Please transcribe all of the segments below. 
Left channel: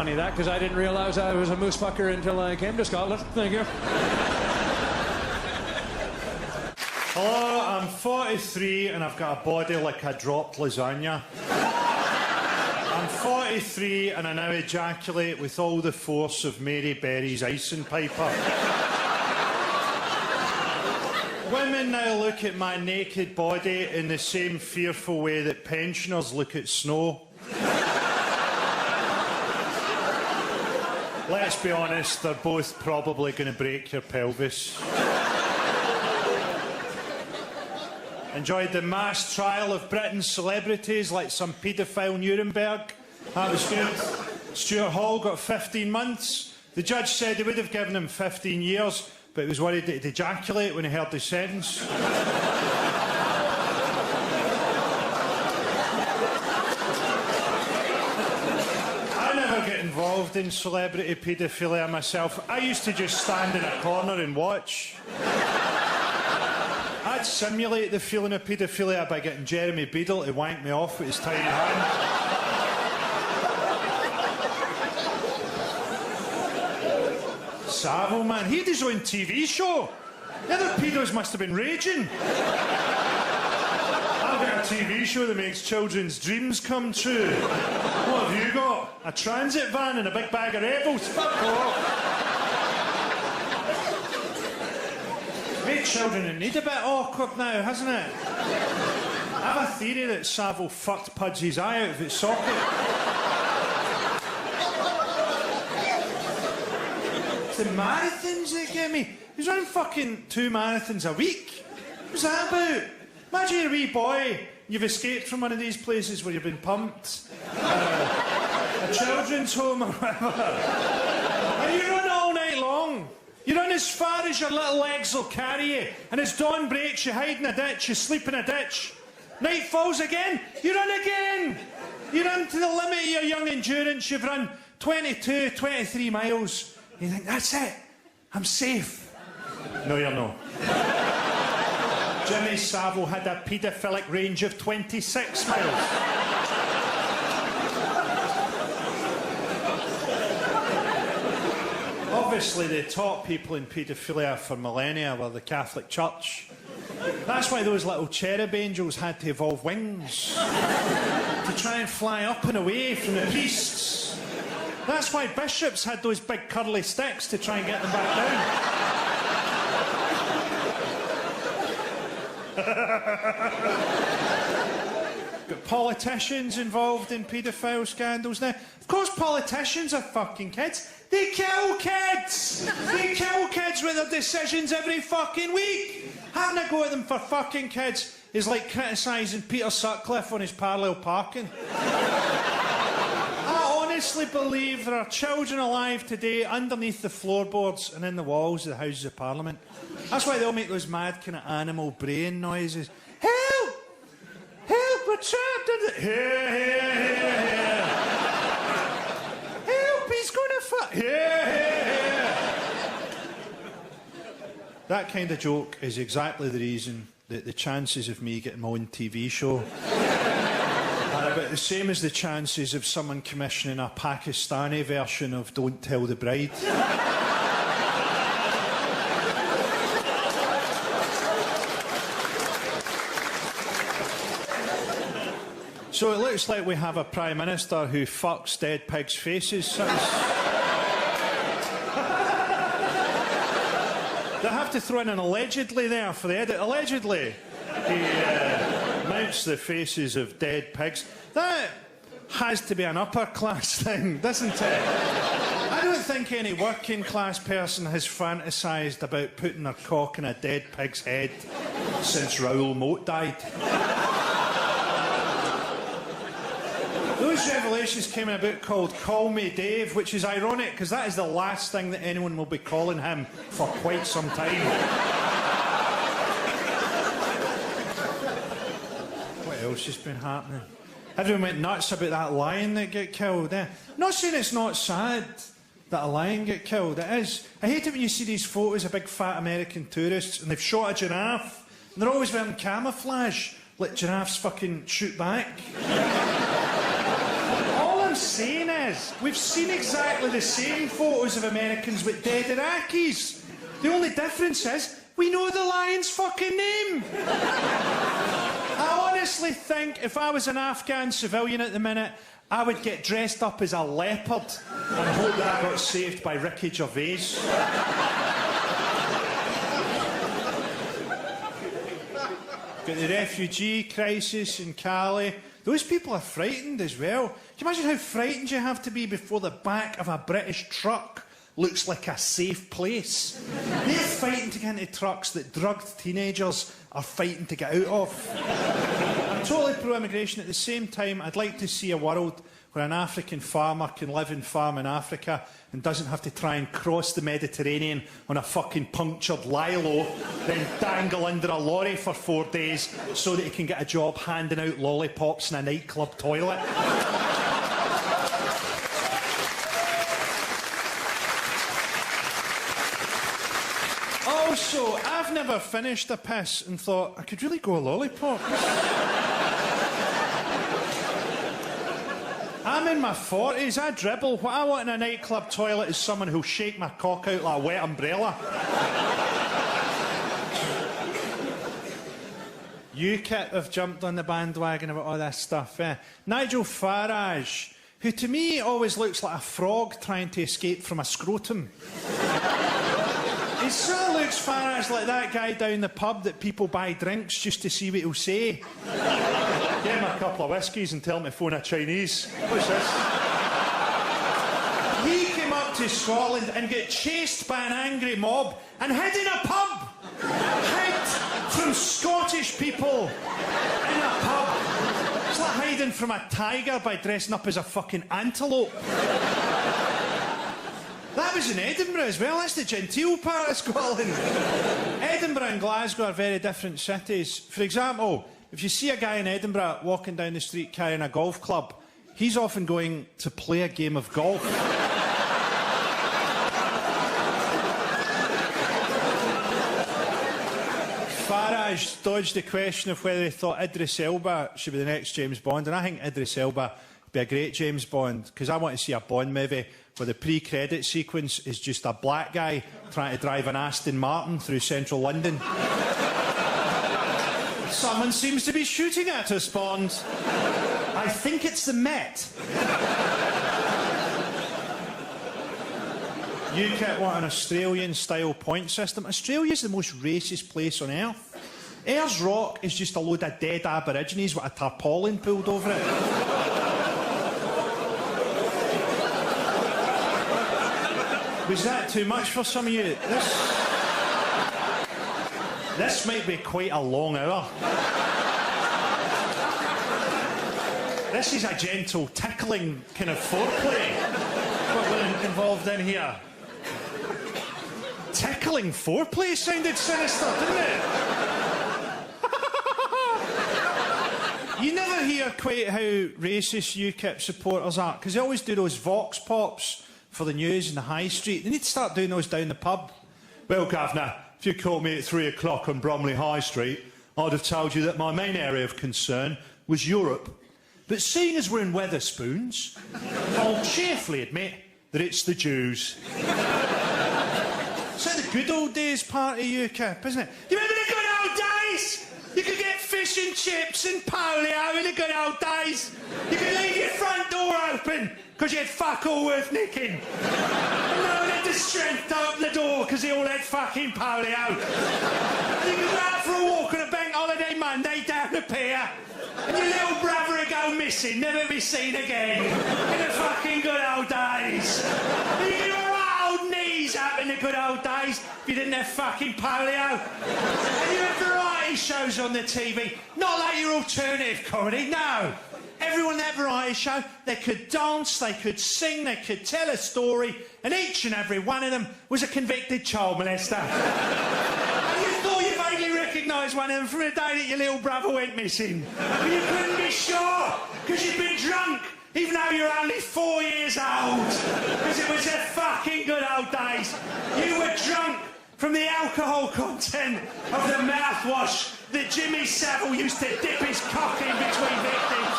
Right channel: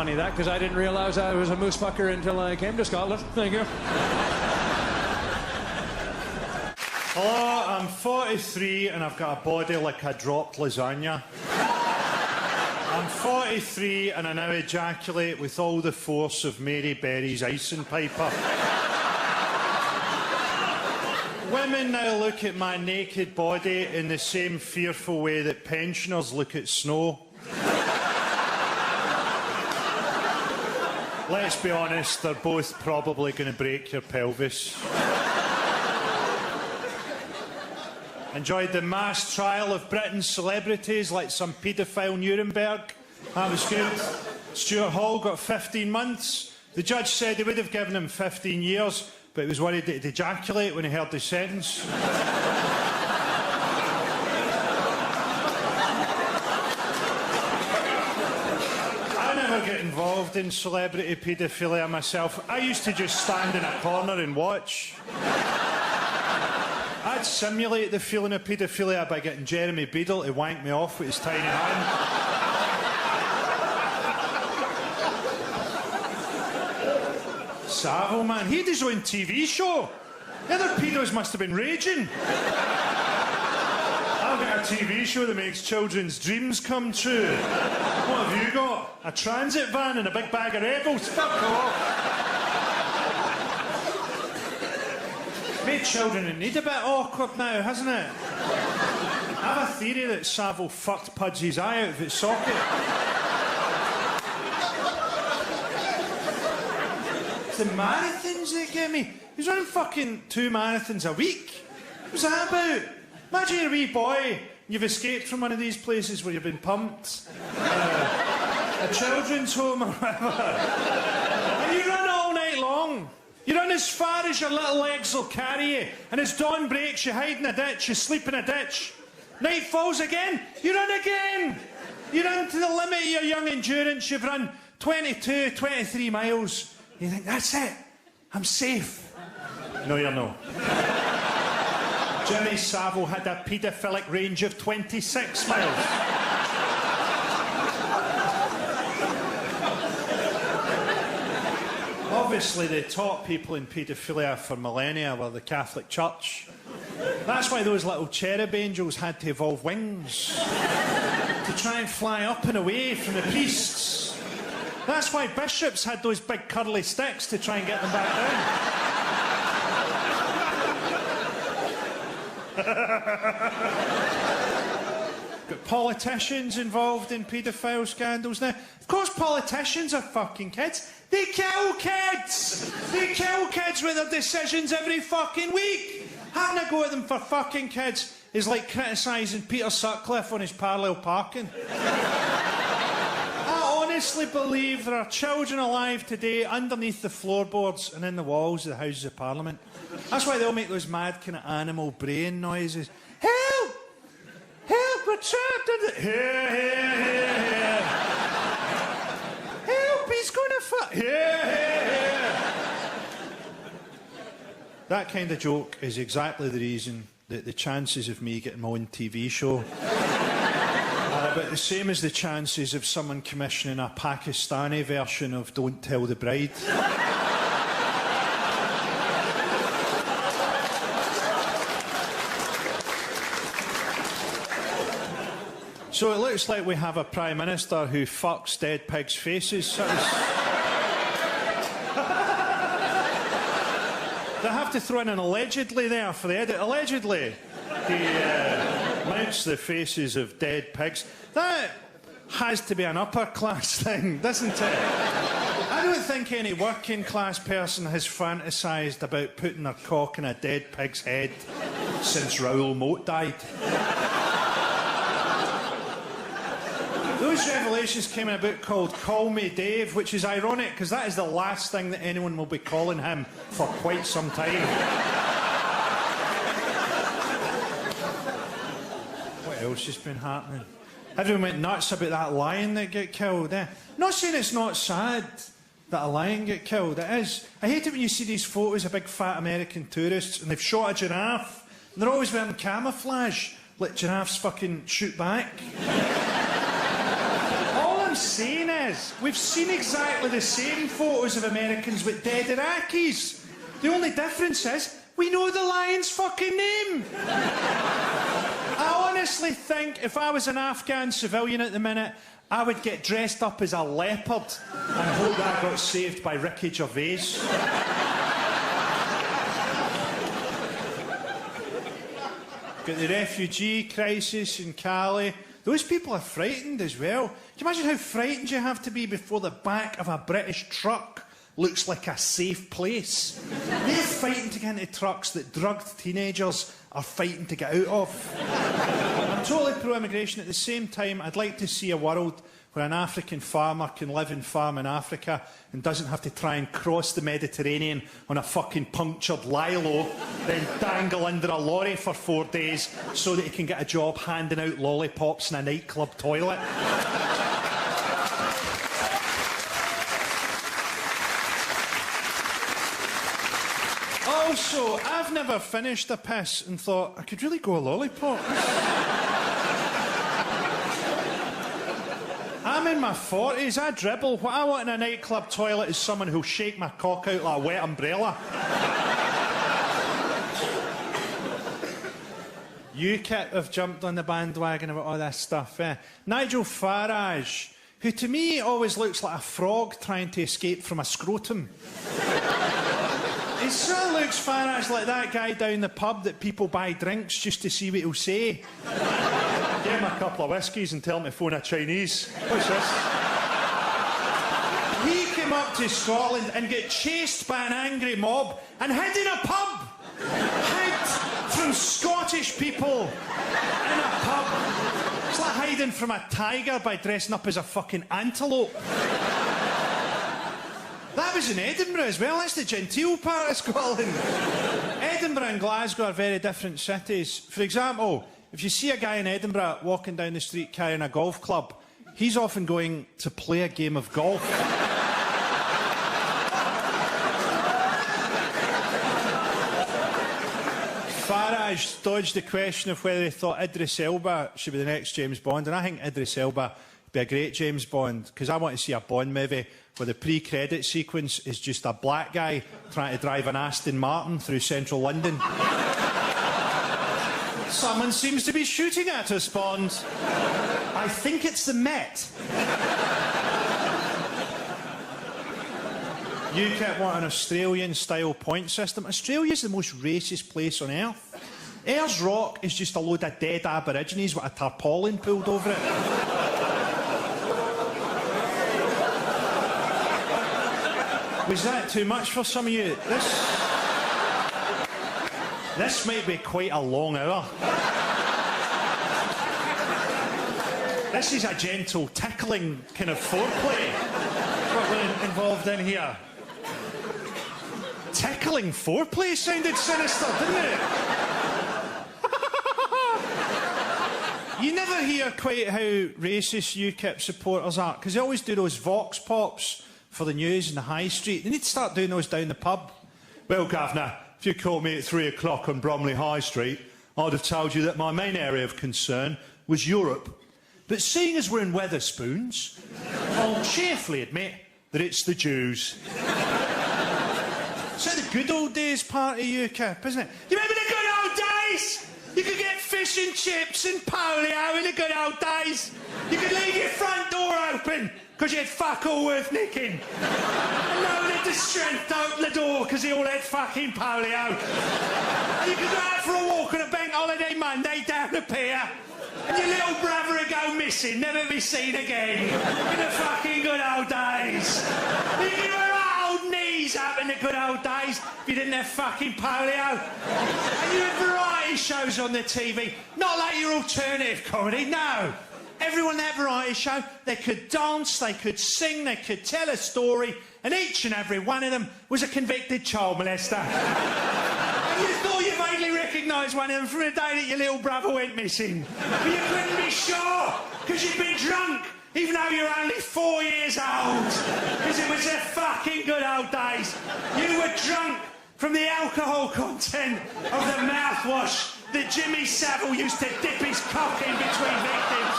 funny that, because I didn't realise I was a moose fucker until I came to Scotland. There you go. Hello, I'm 43 and I've got a body like a dropped lasagna. I'm 43 and I now ejaculate with all the force of Mary Berry's icing piper. Women now look at my naked body in the same fearful way that pensioners look at snow. Let's be honest, they're both probably going to break your pelvis. Enjoyed the mass trial of Britain's celebrities like some paedophile Nuremberg. That was good. Stuart Hall got 15 months. The judge said he would have given him 15 years, but he was worried that he'd ejaculate when he heard the sentence. I never get involved in celebrity paedophilia myself. I used to just stand in a corner and watch. I'd simulate the feeling of paedophilia by getting Jeremy Beadle to wank me off with his tiny hand. Savile, man, he had his own TV show. The other pedos must have been raging. I've got a TV show that makes children's dreams come true. What have you got? A transit van and a big bag of rebels? Fuck off. Made children need a bit awkward now, hasn't it? I have a theory that Savile fucked Pudgy's eye out of its socket. It's the marathons that get me. He's running fucking 2 marathons a week. What's that about? Imagine you're a wee boy, you've escaped from one of these places where you've been pumped. A children's home or whatever. You run as far as your little legs will carry you, and as dawn breaks, you hide in a ditch, you sleep in a ditch. Night falls again, you run again. You run to the limit of your young endurance, you've run 22, 23 miles. You think, that's it, I'm safe. No, you're not. Jimmy Savile had a paedophilic range of 26 miles. Obviously, the top people in paedophilia for millennia were the Catholic Church. That's why those little cherub angels had to evolve wings to try and fly up and away from the priests. That's why bishops had those big curly sticks to try and get them back down. Got politicians involved in paedophile scandals now. Of course, politicians are fucking kids. They kill kids! They kill kids with their decisions every fucking week! Having a go at them for fucking kids is like criticising Peter Sutcliffe on his parallel parking. I honestly believe there are children alive today underneath the floorboards and in the walls of the Houses of Parliament. That's why they all make those mad kind of animal brain noises. Help! Help, Richard! Here, here, here, here. He's going to fuck. Yeah. That kind of joke is exactly the reason that the chances of me getting my own TV show are about the same as the chances of someone commissioning a Pakistani version of Don't Tell the Bride. So it looks like we have a Prime Minister who fucks dead pigs' faces. I have to throw in an allegedly there for the edit. Allegedly, he licks the faces of dead pigs. That has to be an upper class thing, doesn't it? I don't think any working class person has fantasised about putting their cock in a dead pig's head since Raoul Moat died. Those revelations came in a book called Call Me Dave, which is ironic because that is the last thing that anyone will be calling him for quite some time. What else has been happening? Everyone went nuts about that lion that got killed. I'm not saying it's not sad that a lion get killed. It is. I hate it when you see these photos of big fat American tourists and they've shot a giraffe. And they're always wearing camouflage, like giraffes fucking shoot back. saying is, we've seen exactly the same photos of Americans with dead Iraqis. The only difference is, we know the lion's fucking name. I honestly think if I was an Afghan civilian at the minute, I would get dressed up as a leopard. I hope that got saved by Ricky Gervais. Got the refugee crisis in Cali. Those people are frightened as well. Can you imagine how frightened you have to be before the back of a British truck looks like a safe place? They're fighting to get into trucks that drugged teenagers are fighting to get out of. I'm totally pro-immigration. At the same time, I'd like to see a world where an African farmer can live and farm in Africa and doesn't have to try and cross the Mediterranean on a fucking punctured Lilo, then dangle under a lorry for 4 days so that he can get a job handing out lollipops in a nightclub toilet. Also, I've never finished a piss and thought, I could really go a lollipop. I'm in my 40s, I dribble. What I want in a nightclub toilet is someone who'll shake my cock out like a wet umbrella. UKIP have jumped on the bandwagon about all this stuff. Nigel Farage, who to me always looks like a frog trying to escape from a scrotum. He sort of looks, Farage, like that guy down the pub that people buy drinks just to see what he'll say. Get him a couple of whiskies and tell him to phone a Chinese. He came up to Scotland and got chased by an angry mob and hid in a pub. Hid from Scottish people in a pub. It's like hiding from a tiger by dressing up as a fucking antelope. That was in Edinburgh as well. That's the genteel part of Scotland. Edinburgh and Glasgow are very different cities. For example, if you see a guy in Edinburgh walking down the street carrying a golf club, he's often going to play a game of golf. Farage dodged the question of whether he thought Idris Elba should be the next James Bond, and I think Idris Elba would be a great James Bond, because I want to see a Bond movie where the pre-credit sequence is just a black guy trying to drive an Aston Martin through central London. Someone seems to be shooting at us, Bond. I think it's the Met. UKIP want an Australian-style point system. Australia's the most racist place on earth. Ayers Rock is just a load of dead Aborigines with a tarpaulin pulled over it. Was that too much for some of you? This might be quite a long hour. This is a gentle, tickling kind of foreplay involved in here. Tickling foreplay sounded sinister, didn't it? You never hear quite how racist UKIP supporters are, because they always do those vox pops for the news in the high street. They need to start doing those down the pub. Well, Governor, if you called me at 3 o'clock on Bromley High Street, I'd have told you that my main area of concern was Europe. But seeing as we're in Wetherspoons, I'll cheerfully admit that it's the Jews. It's like the good old days part of UKIP, isn't it? You remember the good old days? You could get fish and chips and polio in the good old days. You could leave your front door open because you had fuck all worth nicking. And no one had the strength to open the door because they all had fucking polio. You could go out for a walk on a bank holiday Monday down the pier, and your little brother would go missing, never be seen again. In the fucking good old days. You could wear old knees up in the good old days if you didn't have fucking polio. And you had variety shows on the TV. Not like your alternative comedy, no. Everyone in that variety show, they could dance, they could sing, they could tell a story, and each and every one of them was a convicted child molester. And you thought you vaguely recognised one of them from the day that your little brother went missing. But you couldn't be sure, because you'd been drunk, even though you were only 4 years old. Because it was the fucking good old days. You were drunk from the alcohol content of the mouthwash that Jimmy Savile used to dip his cock in between victims.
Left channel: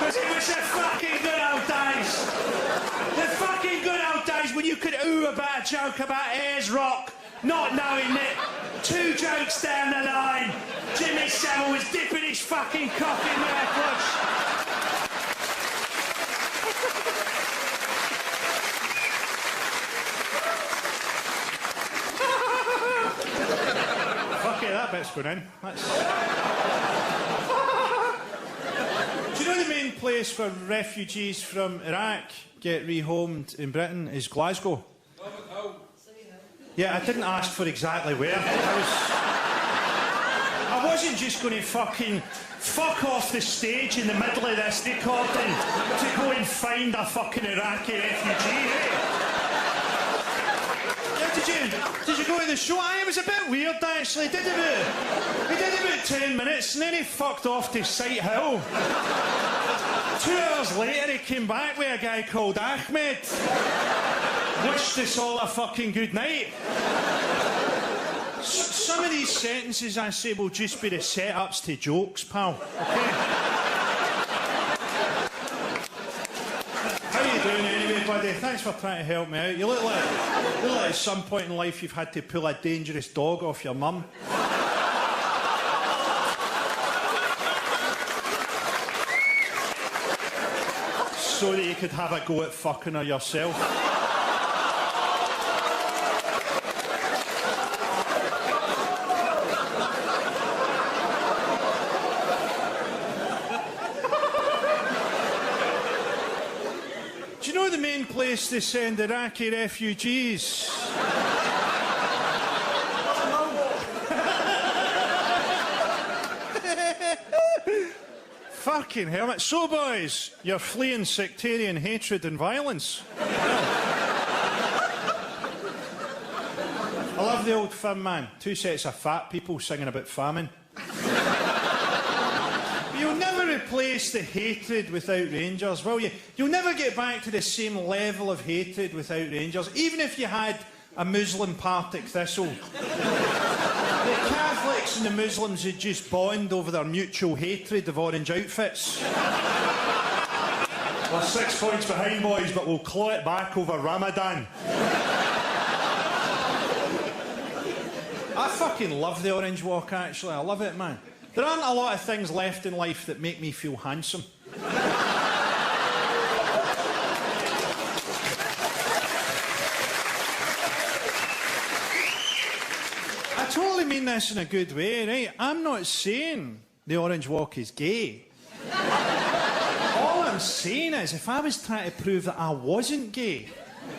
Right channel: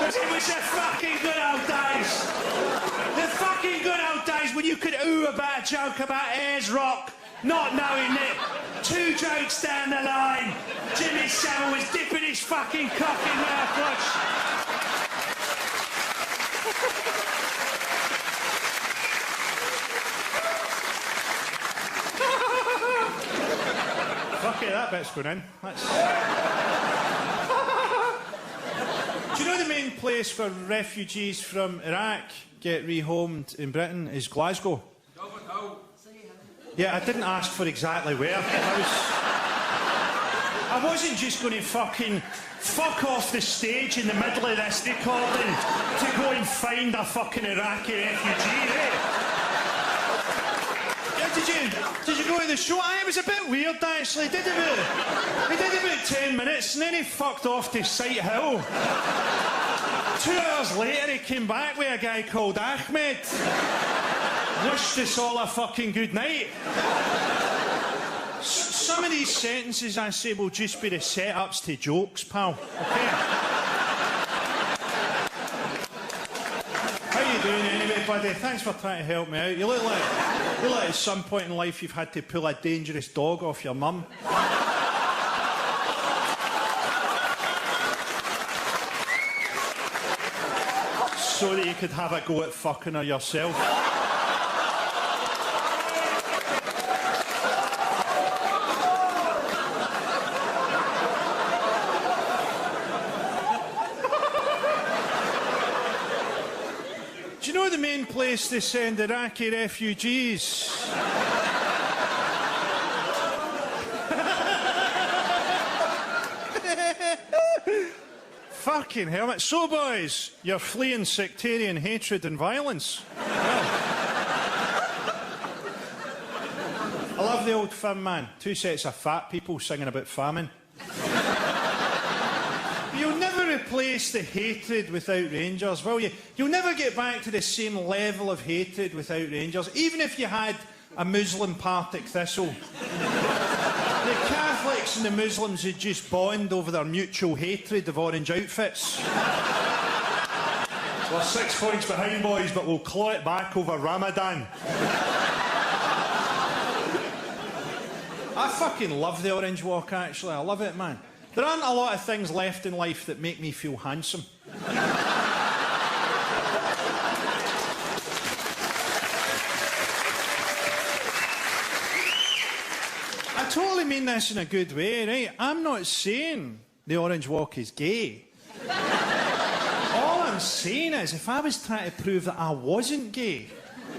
It was It was the fucking good old days. The fucking good old days when you could ooh about a joke about Ayers Rock, not knowing it. 2 jokes down the line, Jimmy Savile was dipping his fucking cock in miracles. Okay, that bit's going in. Do you know the main place where refugees from Iraq get rehomed in Britain is Glasgow? Yeah, I didn't ask for exactly where. I wasn't just going to fucking fuck off the stage in the middle of this recording to go and find a fucking Iraqi refugee, eh? Yeah, did you go to the show? It was a bit weird, actually. We did about 10 minutes and then he fucked off to Sight Hill. 2 hours later he came back with a guy called Ahmed. Wished us all a fucking good night. Some of these sentences I say will just be the setups to jokes, pal. Okay? How you doing anyway, buddy? Thanks for trying to help me out. You look like at some point in life you've had to pull a dangerous dog off your mum. So that you could have it go at fucking her yourself. To send Iraqi refugees. Fucking hell. So, boys, you're fleeing sectarian hatred and violence. I love the old film, man. 2 sets of fat people singing about famine. You'll never replace the hatred without Rangers, will you? You'll never get back to the same level of hatred without Rangers, even if you had a Muslim Partick Thistle. The Catholics and the Muslims would just bond over their mutual hatred of orange outfits. We're 6 points behind, boys, but we'll claw it back over Ramadan. I fucking love the Orange Walk, actually. I love it, man. There aren't a lot of things left in life that make me feel handsome. I totally mean this in a good way, right? I'm not saying the Orange Walk is gay. All I'm saying is, if I was trying to prove that I wasn't gay,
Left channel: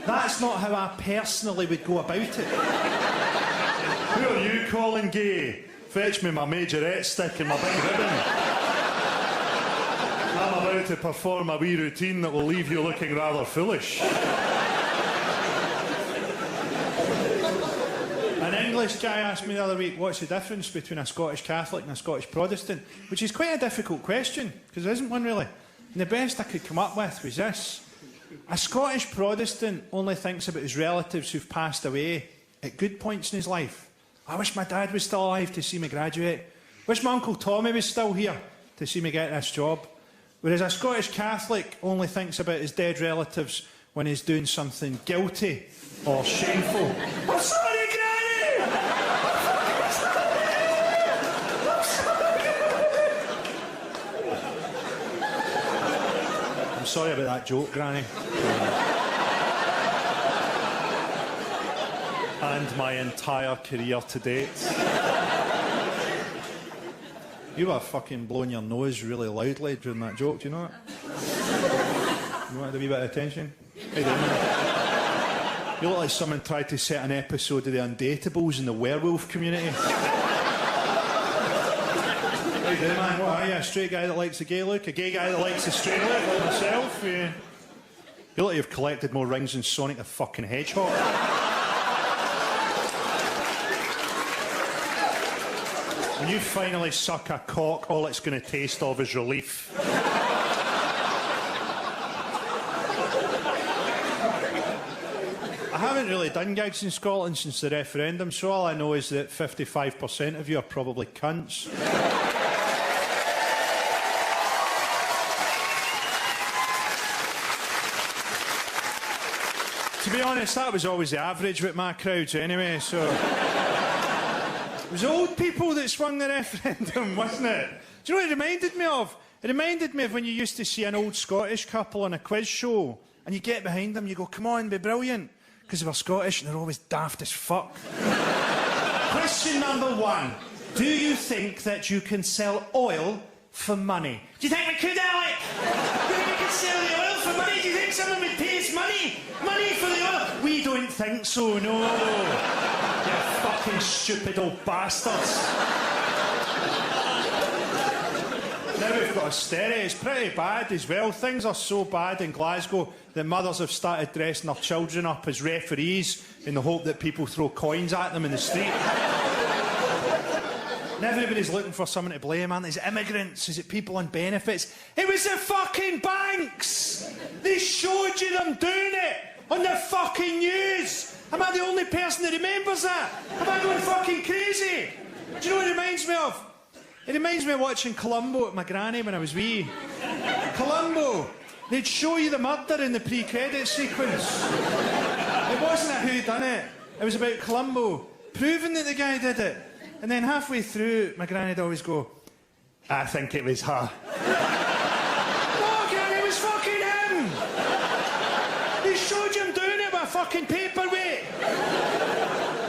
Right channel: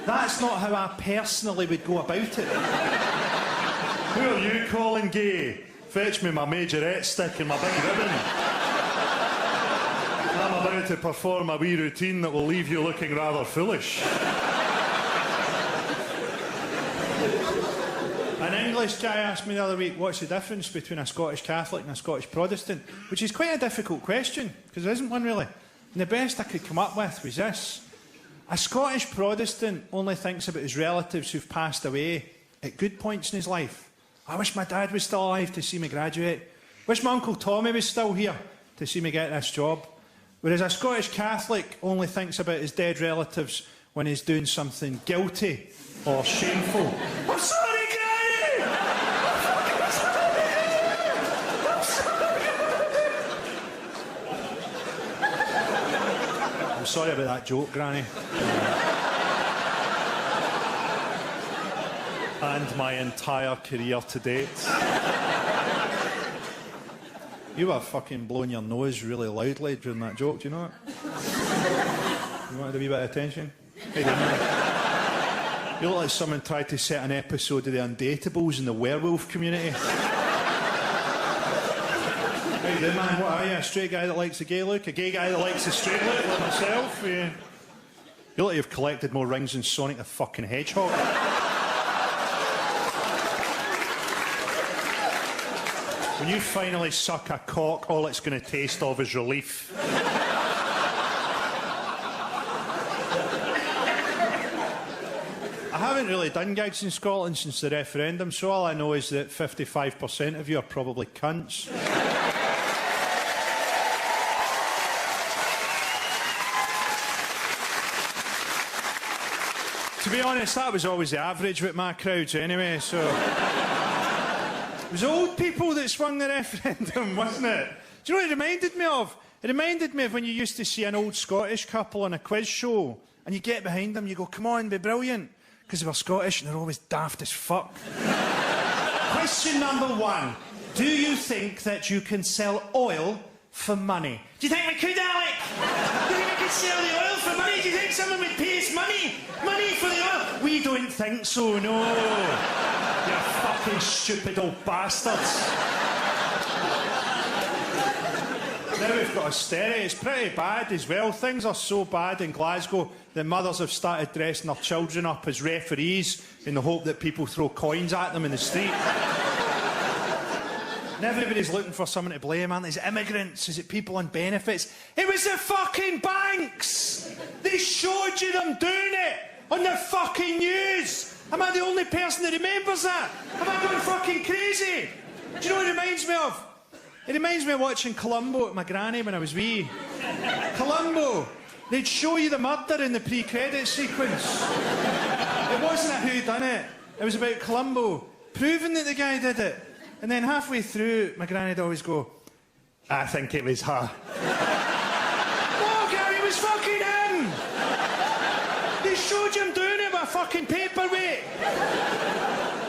that's not how I personally would go about it. Who are you calling gay? Fetch me my majorette stick and my big ribbon. I'm about to perform a wee routine that will leave you looking rather foolish. An English guy asked me the other week, what's the difference between a Scottish Catholic and a Scottish Protestant? Which is quite a difficult question, because there isn't one really. And the best I could come up with was this. A Scottish Protestant only thinks about his relatives who've passed away at good points in his life. I wish my dad was still alive to see me graduate. Wish my Uncle Tommy was still here to see me get this job. Whereas a Scottish Catholic only thinks about his dead relatives when he's doing something guilty or shameful. I'm sorry, Granny! I'm sorry about that joke, Granny. And my entire career to date. You were fucking blowing your nose really loudly during that joke, do you know that? You wanted a wee bit of attention? Hey, you look like someone tried to set an episode of The Undateables in the werewolf community. Hey, man, what are you? A straight guy that likes a gay look? A gay guy that likes a straight look, like myself? Yeah. You look like you've collected more rings than Sonic the fucking Hedgehog. When you finally suck a cock, all it's going to taste of is relief. I haven't really done gigs in Scotland since the referendum, so all I know is that 55% of you are probably cunts. honest, that was always the average with my crowds anyway, so... It was old people that swung the referendum, wasn't it? Do you know what it reminded me of? It reminded me of when you used to see an old Scottish couple on a quiz show, and you get behind them, you go, come on, be brilliant. Because they were Scottish, and they're always daft as fuck. Question number 1. Do you think that you can sell oil for money? Do you think we could, Alec? Do you think we could sell the oil for money? Do you think someone would pay us money? Money for the oil? We don't think so, no. You fucking stupid old bastards. Now we've got austerity. It's pretty bad as well. Things are so bad in Glasgow that mothers have started dressing their children up as referees in the hope that people throw coins at them in the street. And everybody's looking for someone to blame, aren't they? Is it immigrants? Is it people on benefits? It was the fucking banks! They showed you them doing it on the fucking news! Am I the only person that remembers that? Am I going fucking crazy? Do you know what it reminds me of? It reminds me of watching Columbo with my granny when I was wee. Columbo! They'd show you the murder in the pre-credit sequence. It wasn't a who done it. It was about Columbo proving that the guy did it. And then halfway through, my granny'd always go, I think it was her. Oh, God, it was fucking him! They showed you him doing it with a fucking paperweight.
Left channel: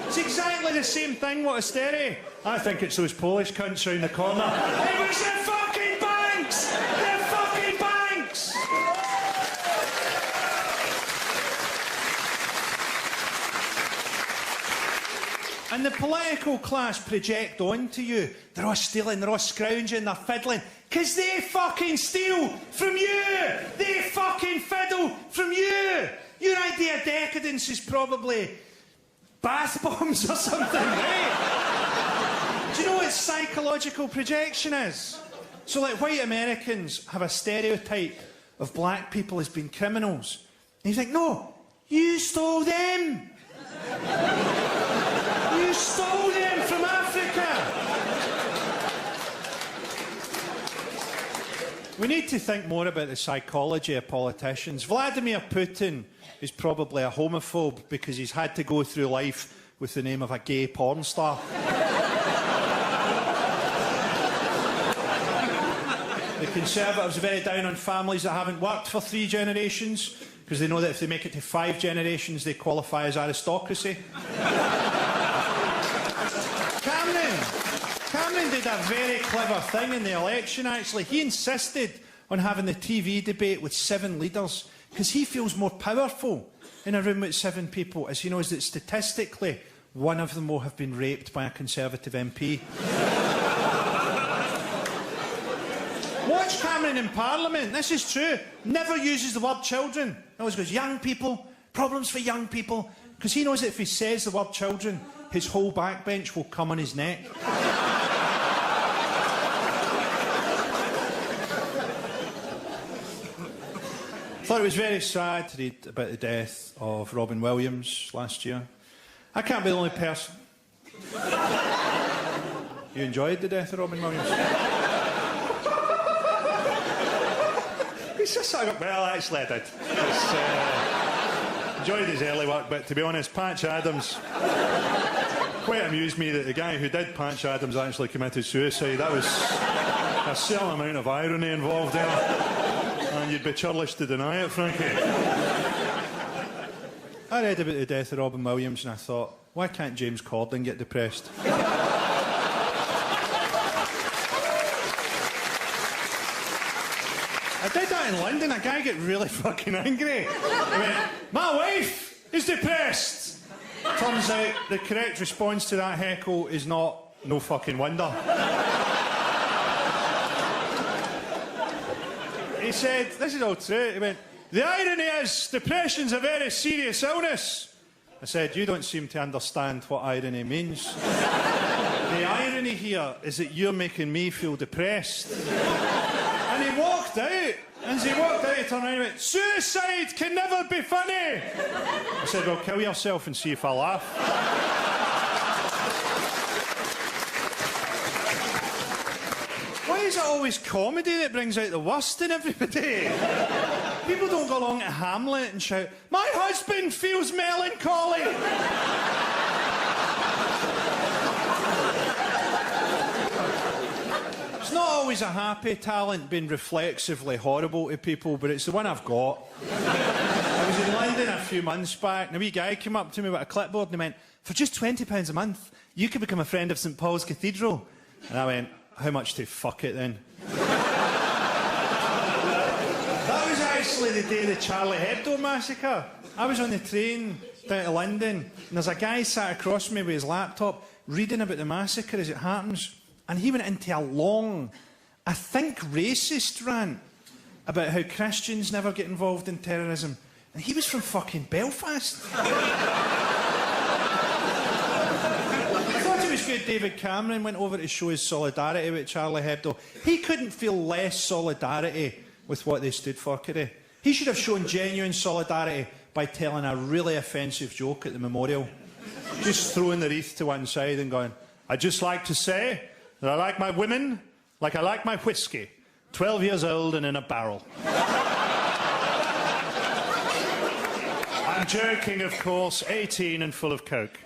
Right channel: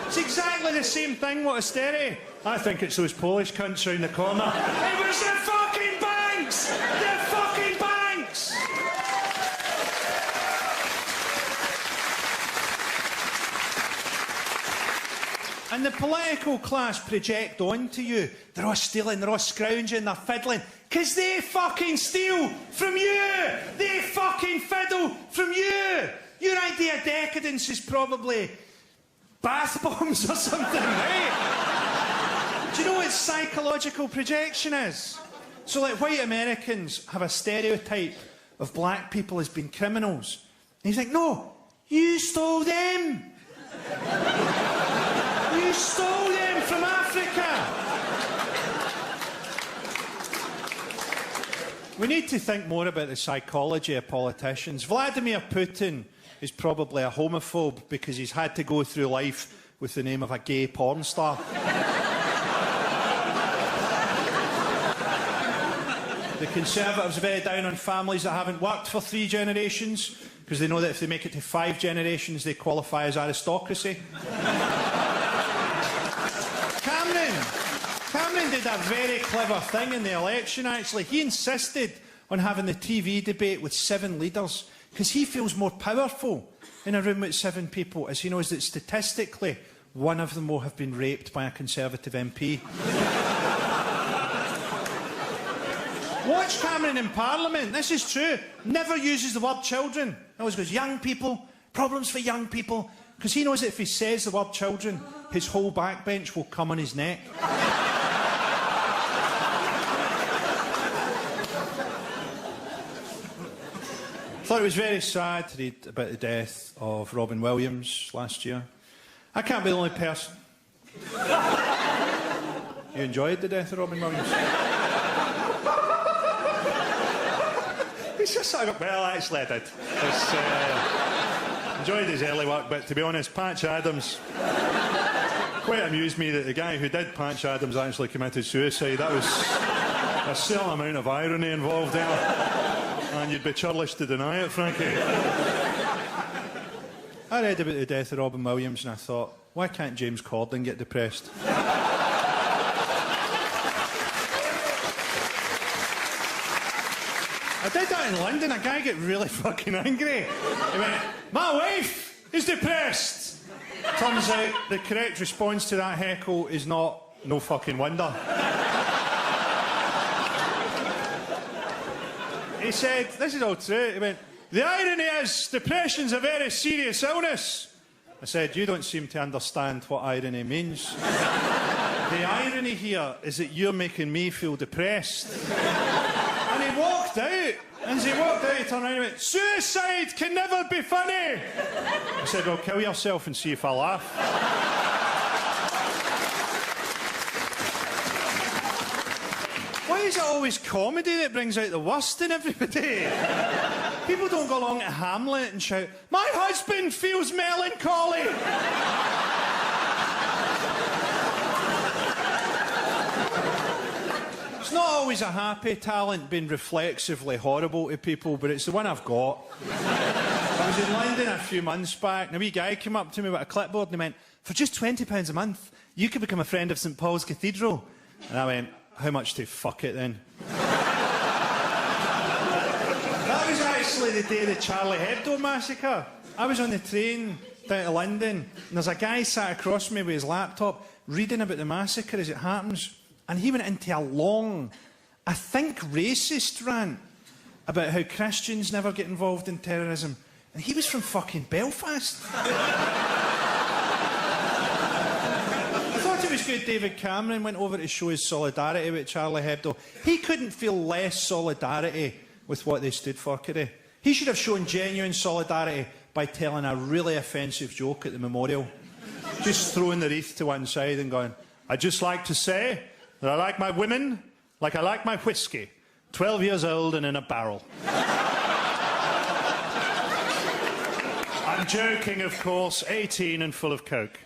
It's exactly the same thing, what austerity. I think it's those Polish cunts round the corner. It was the fucking banks! The fucking banks! And the political class project onto you. They're all stealing, they're all scrounging, they're fiddling. Because they fucking steal from you! They fucking fiddle from you! Your idea of decadence is probably bath bombs or something, right? Do you know what psychological projection is? So, like, white Americans have a stereotype of black people as being criminals. And he's like, no, you stole them! You stole them from Africa! We need to think more about the psychology of politicians. Vladimir Putin is probably a homophobe because he's had to go through life with the name of a gay porn star. The Conservatives are very down on families that haven't worked for 3 generations because they know that if they make it to 5 generations, they qualify as aristocracy. Cameron did a very clever thing in the election, actually. He insisted on having the TV debate with 7 leaders because he feels more powerful in a room with 7 people, as he knows that statistically, one of them will have been raped by a Conservative MP. Watch Cameron in Parliament. This is true. Never uses the word children. He always goes, young people, problems for young people. Because he knows that if he says the word children, his whole backbench will come on his neck. I thought it was very sad to read about the death of Robin Williams last year. I can't be the only person. You enjoyed the death of Robin Williams? Well, actually I did. Enjoyed his early work, but to be honest, Patch Adams quite amused me that the guy who did Patch Adams actually committed suicide. That was a certain amount of irony involved there. You'd be churlish to deny it, Frankie. I read about the death of Robin Williams and I thought, why can't James Corden get depressed? I did that in London. A guy got really fucking angry. He went, my wife is depressed. Turns out the correct response to that heckle is not, no fucking wonder. He said, this is all true, he went, the irony is, depression's a very serious illness. I said, you don't seem to understand what irony means. The irony here is that you're making me feel depressed. And he walked out. And as he walked out, he turned around and went, suicide can never be funny. I said, well, kill yourself and see if I laugh. Why is it always comedy that brings out the worst in everybody? People don't go along to Hamlet and shout, "My husband feels melancholy." It's not always a happy talent being reflexively horrible to people, but it's the one I've got. I was in London a few months back, and a wee guy came up to me with a clipboard and he went, "For just £20 a month, you could become a friend of St Paul's Cathedral." And I went, "How much to fuck it then?" That was actually the day of the Charlie Hebdo massacre. I was on the train down to London, and there's a guy sat across from me with his laptop reading about the massacre as it happens, and he went into a long, I think racist rant about how Christians never get involved in terrorism. And he was from fucking Belfast. I thought it was good David Cameron went over to show his solidarity with Charlie Hebdo. He couldn't feel less solidarity with what they stood for, could he? He should have shown genuine solidarity by telling a really offensive joke at the memorial. Just throwing the wreath to one side and going, "I'd just like to say that I like my women like I like my whiskey, 12 years old and in a barrel." I'm joking, of course, 18 and full of coke.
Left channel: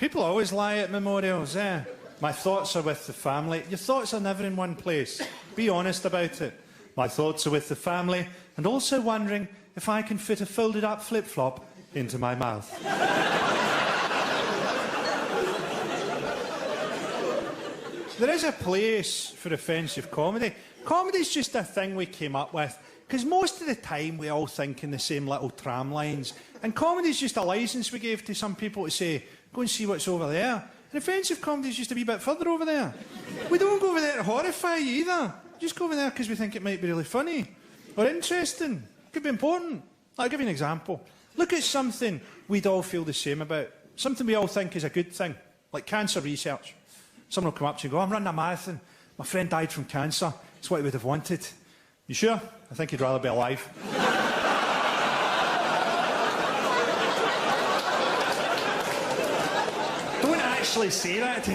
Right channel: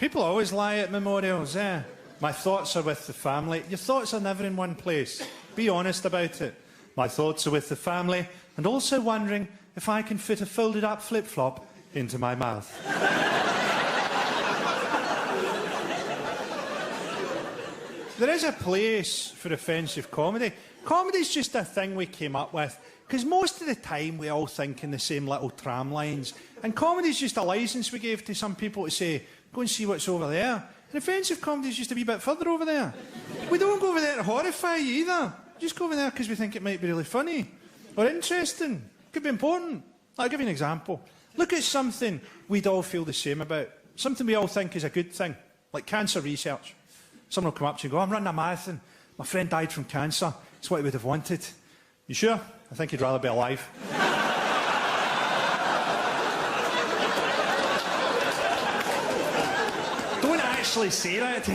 People always lie at memorials, eh? My thoughts are with the family. Your thoughts are never in one place. Be honest about it. My thoughts are with the family and also wondering if I can fit a folded up flip-flop into my mouth. There is a place for offensive comedy. Comedy's just a thing we came up with, because most of the time we all think in the same little tram lines, and comedy's just a licence we gave to some people to say, "Go and see what's over there." And offensive comedy's just a wee bit further over there. We don't go over there to horrify you either. Just go over there because we think it might be really funny or interesting. Could be important. I'll give you an example. Look at something we'd all feel the same about. Something we all think is a good thing, like cancer research. Someone will come up to you and go, "I'm running a marathon. My friend died from cancer. It's what he would have wanted." You sure? I think he'd rather be alive. Don't actually say that.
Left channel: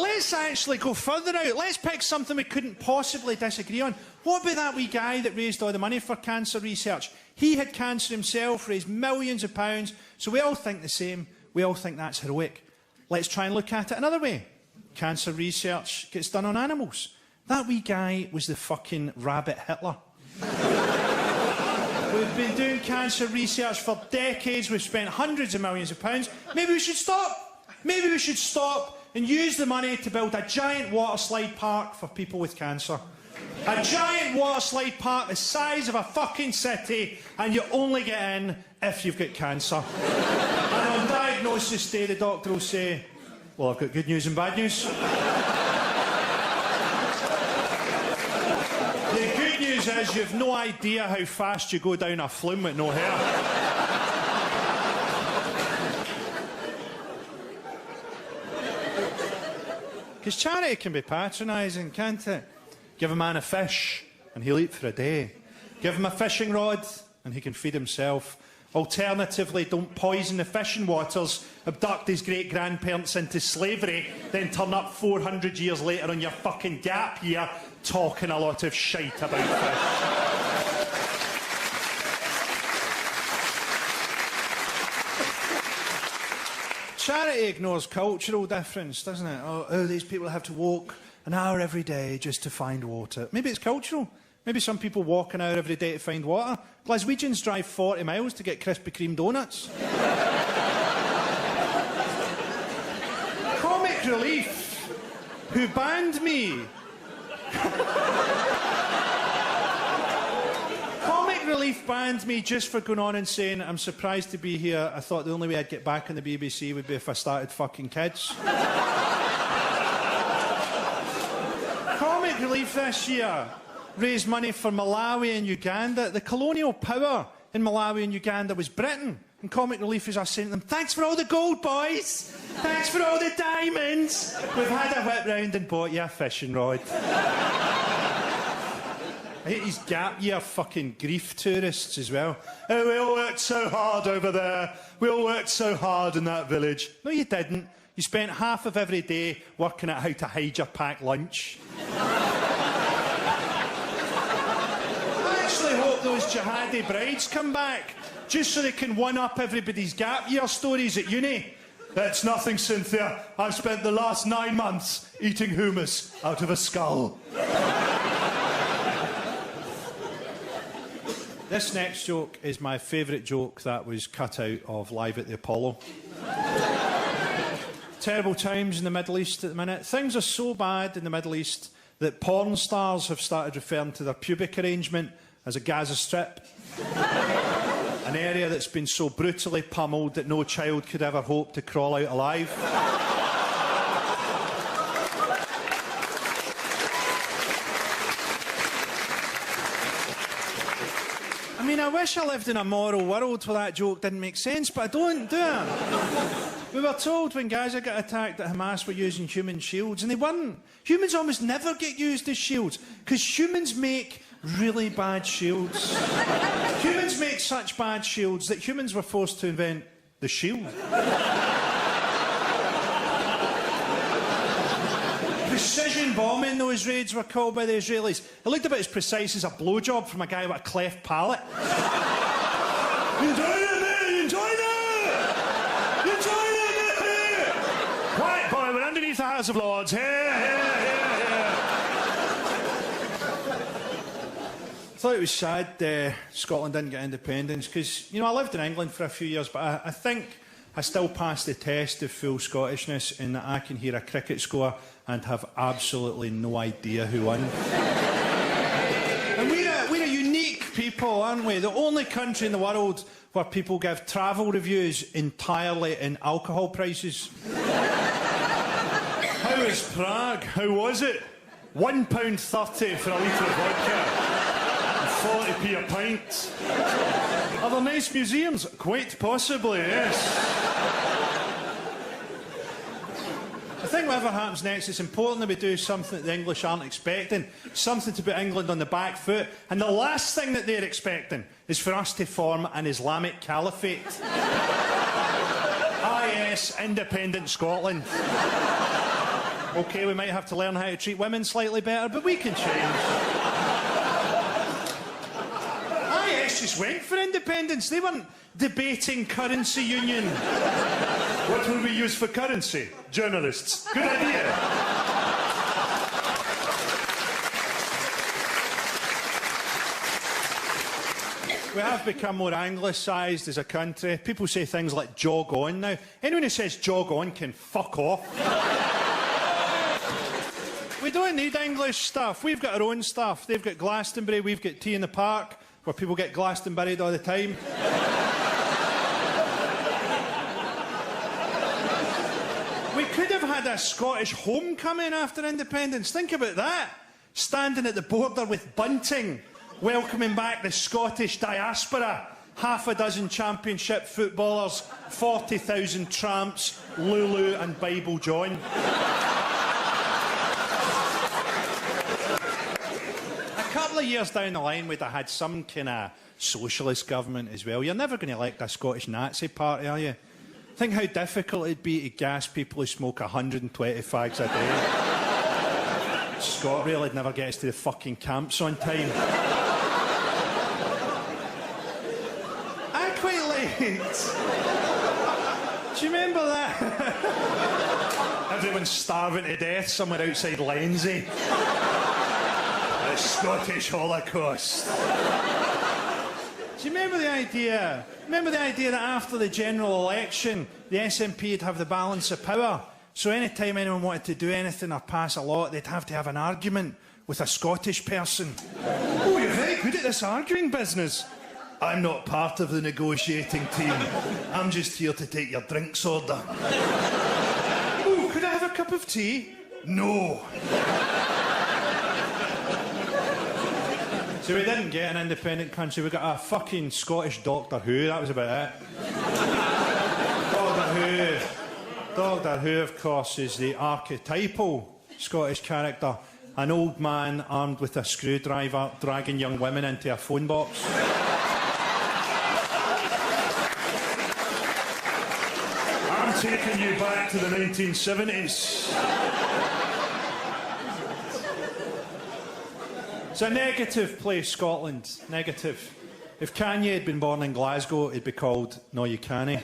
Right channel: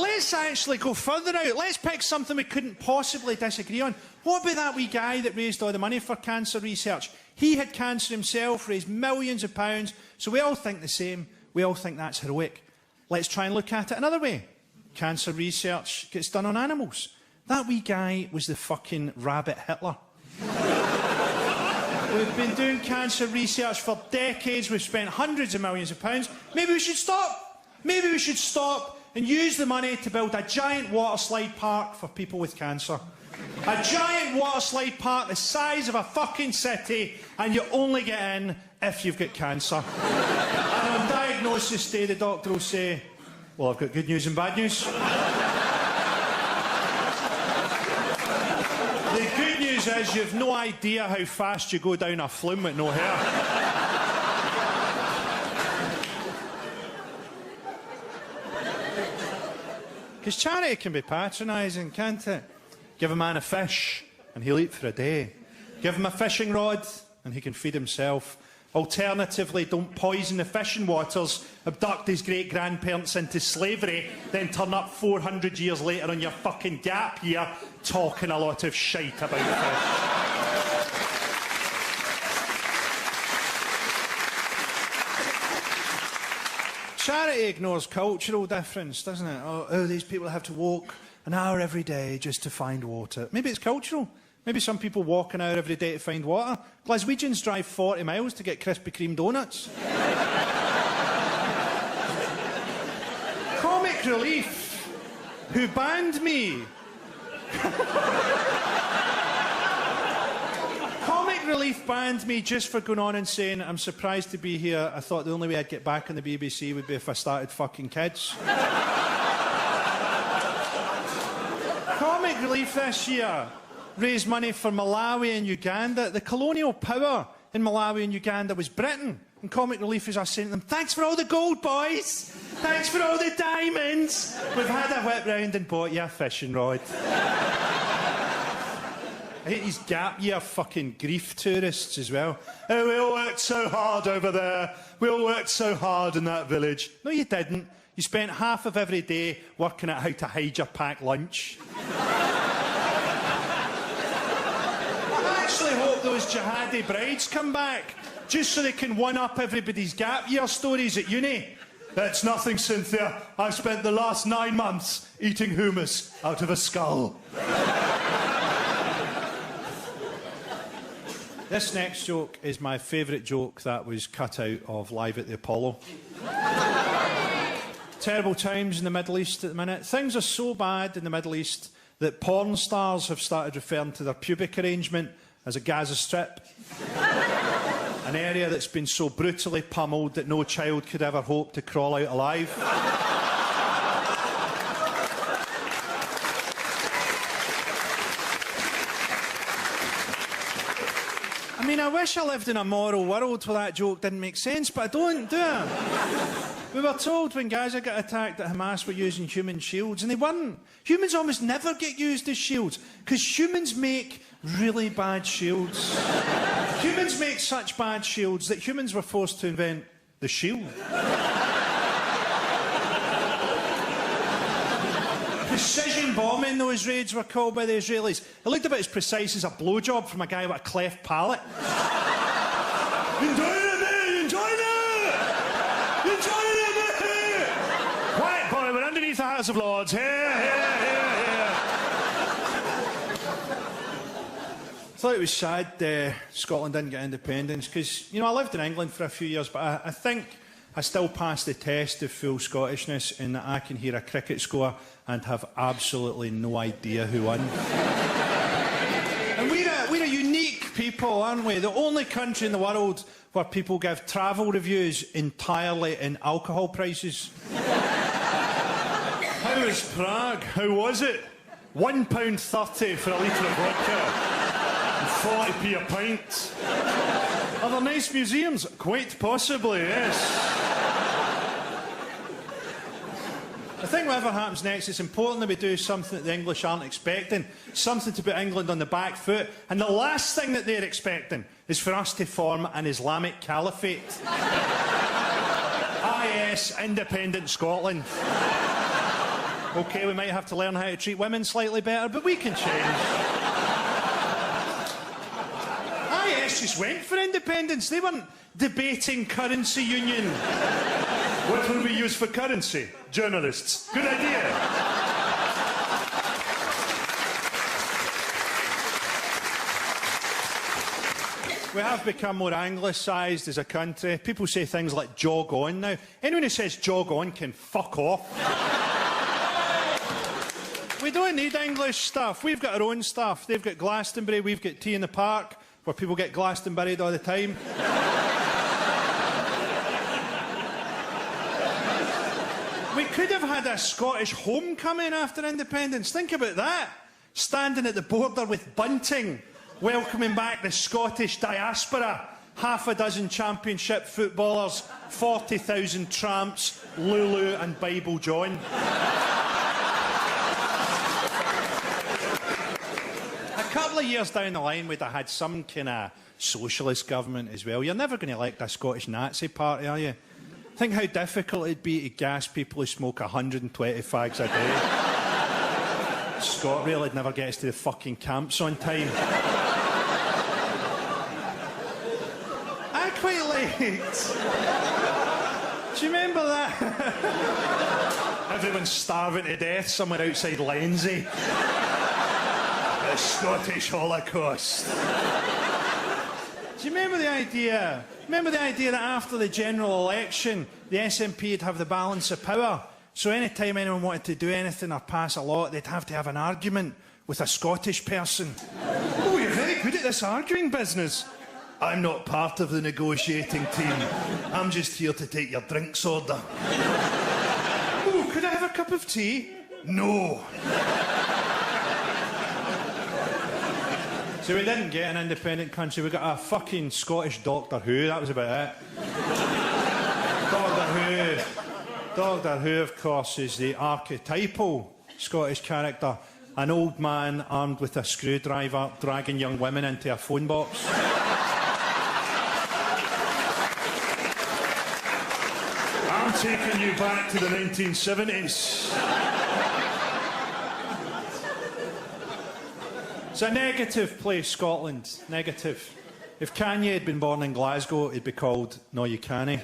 Let's actually go further out. Let's pick something we couldn't possibly disagree on. What about that wee guy that raised all the money for cancer research? He had cancer himself, raised millions of pounds, so we all think the same. We all think that's heroic. Let's try and look at it another way. Cancer research gets done on animals. That wee guy was the fucking rabbit Hitler. We've been doing cancer research for decades. We've spent hundreds of millions of pounds. Maybe we should stop. Maybe we should stop and use the money to build a giant water slide park for people with cancer. A giant water slide park the size of a fucking city, and you only get in if you've got cancer. And on diagnosis day, the doctor will say, "Well, I've got good news and bad news." The good news is you've no idea how fast you go down a flume with no hair. Because charity can be patronising, can't it? Give a man a fish and he'll eat for a day. Give him a fishing rod and he can feed himself. Alternatively, don't poison the fishing waters, abduct his great-grandparents into slavery, then turn up 400 years later on your fucking gap year talking a lot of shite about fish. Charity ignores cultural difference, doesn't it? Oh, these people have to walk an hour every day just to find water. Maybe it's cultural. Maybe some people walk an hour every day to find water. Glaswegians drive 40 miles to get Krispy Kreme donuts. Comic Relief, who banned me. Comic Relief banned me just for going on and saying, "I'm surprised to be here. I thought the only way I'd get back on the BBC would be if I started fucking kids." Comic Relief this year raised money for Malawi and Uganda. The colonial power in Malawi and Uganda was Britain. And Comic Relief is us saying to them, "Thanks for all the gold, boys. Thanks for all the diamonds. We've had a whip round and bought you a fishing rod." I hate these gap year fucking grief tourists as well. "Oh, we all worked so hard over there. We all worked so hard in that village." No, you didn't. You spent half of every day working out how to hide your packed lunch. I actually hope those jihadi brides come back, just so they can one-up everybody's gap year stories at uni. That's nothing, Cynthia. I've spent the last 9 months eating hummus out of a skull. This next joke is my favourite joke that was cut out of Live at the Apollo. Terrible times in the Middle East at the minute. Things are so bad in the Middle East that porn stars have started referring to their pubic arrangement as a Gaza Strip. An area that's been so brutally pummeled that no child could ever hope to crawl out alive. I mean, I wish I lived in a moral world where that joke didn't make sense, but I don't, do I? We were told when Gaza got attacked that Hamas were using human shields, and they weren't. Humans almost never get used as shields, because humans make really bad shields. Humans make such bad shields that humans were forced to invent the shield. Precision bombing, those raids were called by the Israelis. It looked about as precise as a blowjob from a guy with a cleft palate. Enjoy it, mate! Enjoy it! Enjoy it, mate! Quiet, boy, we're underneath the House of Lords. Here, here, here, here. I thought it was sad Scotland didn't get independence, because, you know, I lived in England for a few years, but I think I still passed the test of full Scottishness in that I can hear a cricket score and have absolutely no idea who won. And we're a unique people, aren't we? The only country in the world where people give travel reviews entirely in alcohol prices. How was Prague? How was it? £1.30 for a litre of vodka. 40p a pint. Are there nice museums? Quite possibly, yes. I think whatever happens next, it's important that we do something that the English aren't expecting. Something to put England on the back foot. And the last thing that they're expecting is for us to form an Islamic caliphate. IS, independent Scotland. OK, we might have to learn how to treat women slightly better, but we can change. IS just went for independence. They weren't debating currency union. What will we use for currency? Journalists. Good idea. We have become more anglicised as a country. People say things like jog on now. Anyone who says jog on can fuck off. We don't need English stuff. We've got our own stuff. They've got Glastonbury, we've got Tea in the Park, where people get Glastonburied all the time. We could have had a Scottish homecoming after independence. Think about that. Standing at the border with bunting, welcoming back the Scottish diaspora. Half a dozen championship footballers, 40,000 tramps, Lulu and Bible John. A couple of years down the line, we'd have had some kind of socialist government as well. You're never going to elect a Scottish Nazi party, are you? Think how difficult it'd be to gas people who smoke 120 fags a day. ScotRail would never get us to the fucking camps on time. I quite liked... Do you remember that? Everyone's starving to death somewhere outside Lenzie. The Scottish Holocaust. Do you remember the idea? Remember the idea that after the general election, the SNP would have the balance of power? So any time anyone wanted to do anything or pass a law, they'd have to have an argument with a Scottish person. Oh, you're very good at this arguing business. I'm not part of the negotiating team. I'm just here to take your drinks order. Oh, could I have a cup of tea? No. So we didn't get an independent country, we got a fucking Scottish Doctor Who, that was about it. Doctor Who, of course, is the archetypal Scottish character. An old man armed with a screwdriver dragging young women into a phone box. I'm taking me back to the 1970s. It's a negative place, Scotland. Negative. If Kanye had been born in Glasgow, it'd be called No You Canny.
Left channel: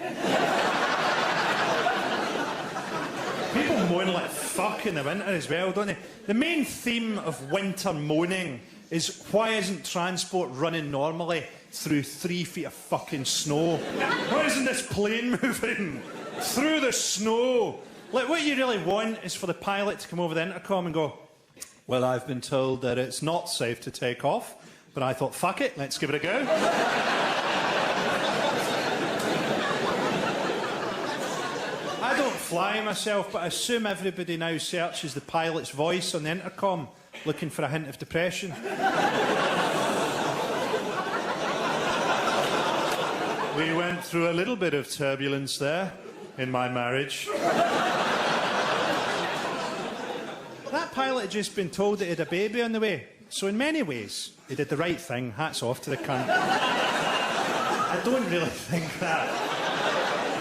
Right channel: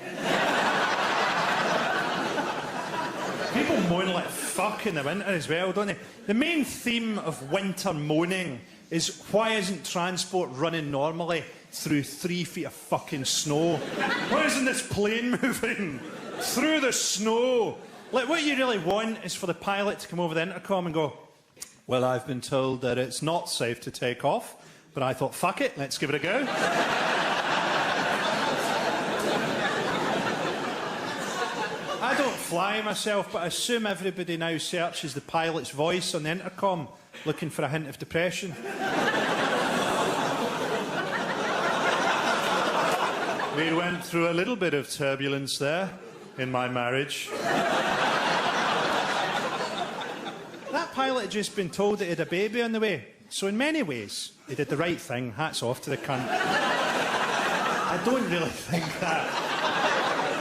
People moan like fuck in the winter as well, don't they? The main theme of winter moaning is why isn't transport running normally through 3 feet of fucking snow? Why isn't this plane moving through the snow? Like, what you really want is for the pilot to come over the intercom and go, well, I've been told that it's not safe to take off, but I thought, fuck it, let's give it a go. I don't fly myself, but I assume everybody now searches the pilot's voice on the intercom, looking for a hint of depression. We went through a little bit of turbulence there in my marriage. That pilot had just been told that he had a baby on the way. So in many ways, he did the right thing. Hats off to the cunt. I don't really think that.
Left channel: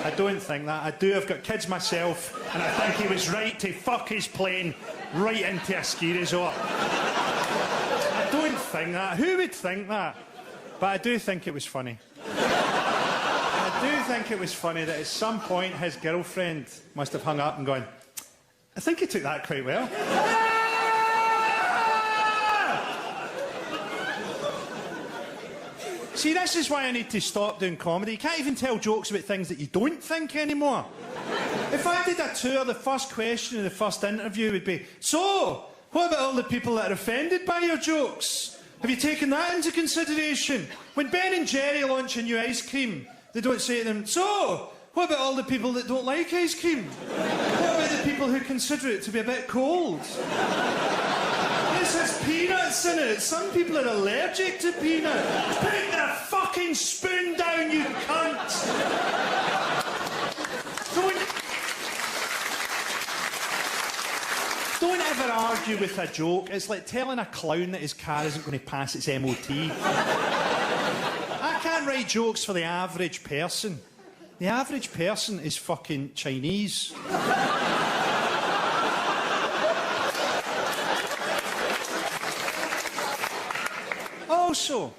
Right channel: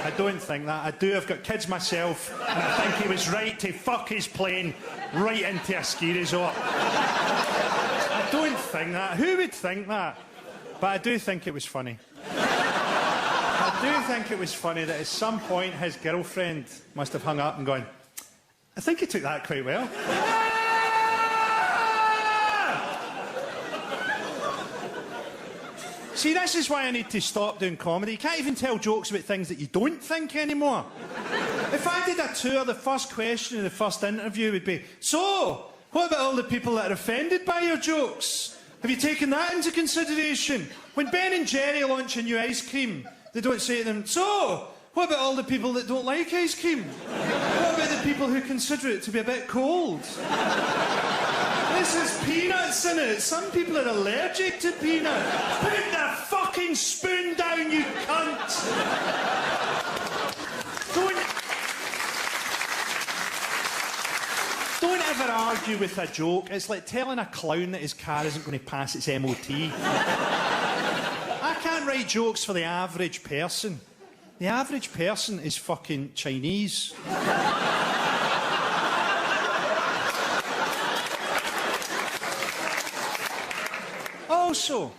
I don't think that. I do. I've got kids myself. And I think he was right to fuck his plane right into a ski resort. I don't think that. Who would think that? But I do think it was funny. I do think it was funny that at some point his girlfriend must have hung up and gone, I think he took that quite well. See, this is why I need to stop doing comedy. You can't even tell jokes about things that you don't think anymore. If I did a tour, the first question of the first interview would be, so, what about all the people that are offended by your jokes? Have you taken that into consideration? When Ben and Jerry launch a new ice cream, they don't say to them, so, what about all the people that don't like ice cream? What about the people who consider it to be a bit cold? This has peanuts in it. Some people are allergic to peanuts. Put the fucking spoon down, you cunt! Don't ever argue with a joke. It's like telling a clown that his car isn't going to pass its MOT. I can't write jokes for the average person. The average person is fucking Chinese. Also,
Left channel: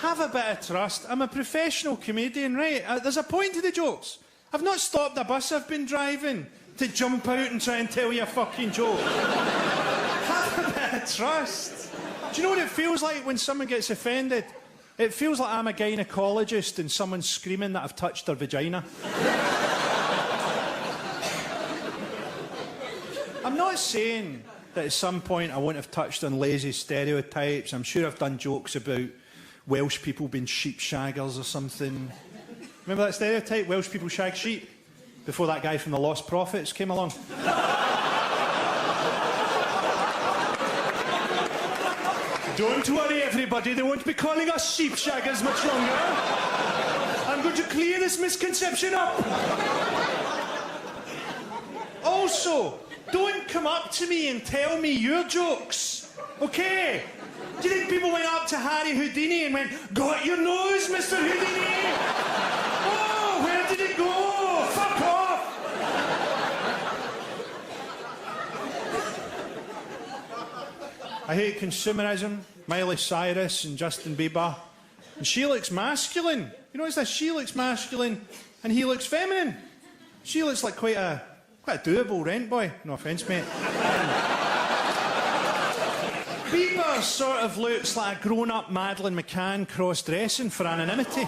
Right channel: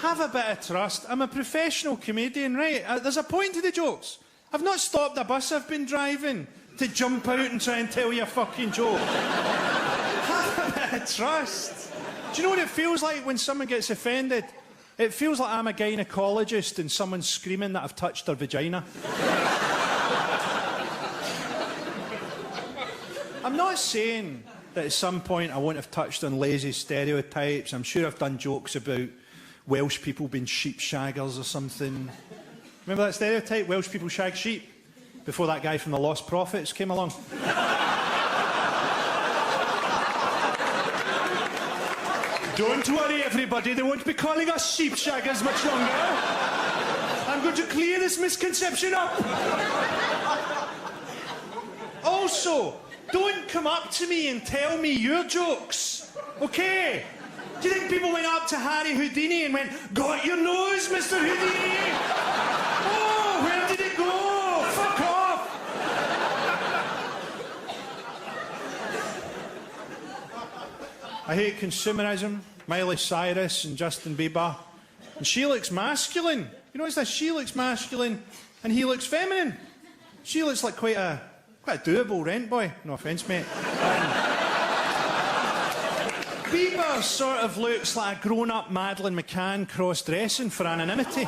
have a bit of trust. I'm a professional comedian, right? There's a point to the jokes. I've not stopped a bus I've been driving to jump out and try and tell you a fucking joke. Have a bit of trust. Do you know what it feels like when someone gets offended? It feels like I'm a gynaecologist and someone's screaming that I've touched their vagina. I'm not saying that at some point I wouldn't have touched on lazy stereotypes. I'm sure I've done jokes about Welsh people being sheep shaggers or something. Remember that stereotype? Welsh people shag sheep? Before that guy from the Lost Prophets came along. Don't worry, everybody. They won't be calling us sheep shaggers much longer. I'm going to clear this misconception up. Also, don't come up to me and tell me your jokes, okay? Do you think people went up to Harry Houdini and went, got your nose, Mr. Houdini? Oh, where did it go? Fuck off! I hate consumerism. Miley Cyrus and Justin Bieber. And she looks masculine. You notice that? She looks masculine and he looks feminine. She looks like quite a doable rent boy. No offence, mate. Bieber sort of looks like a grown-up Madeleine McCann cross-dressing for anonymity.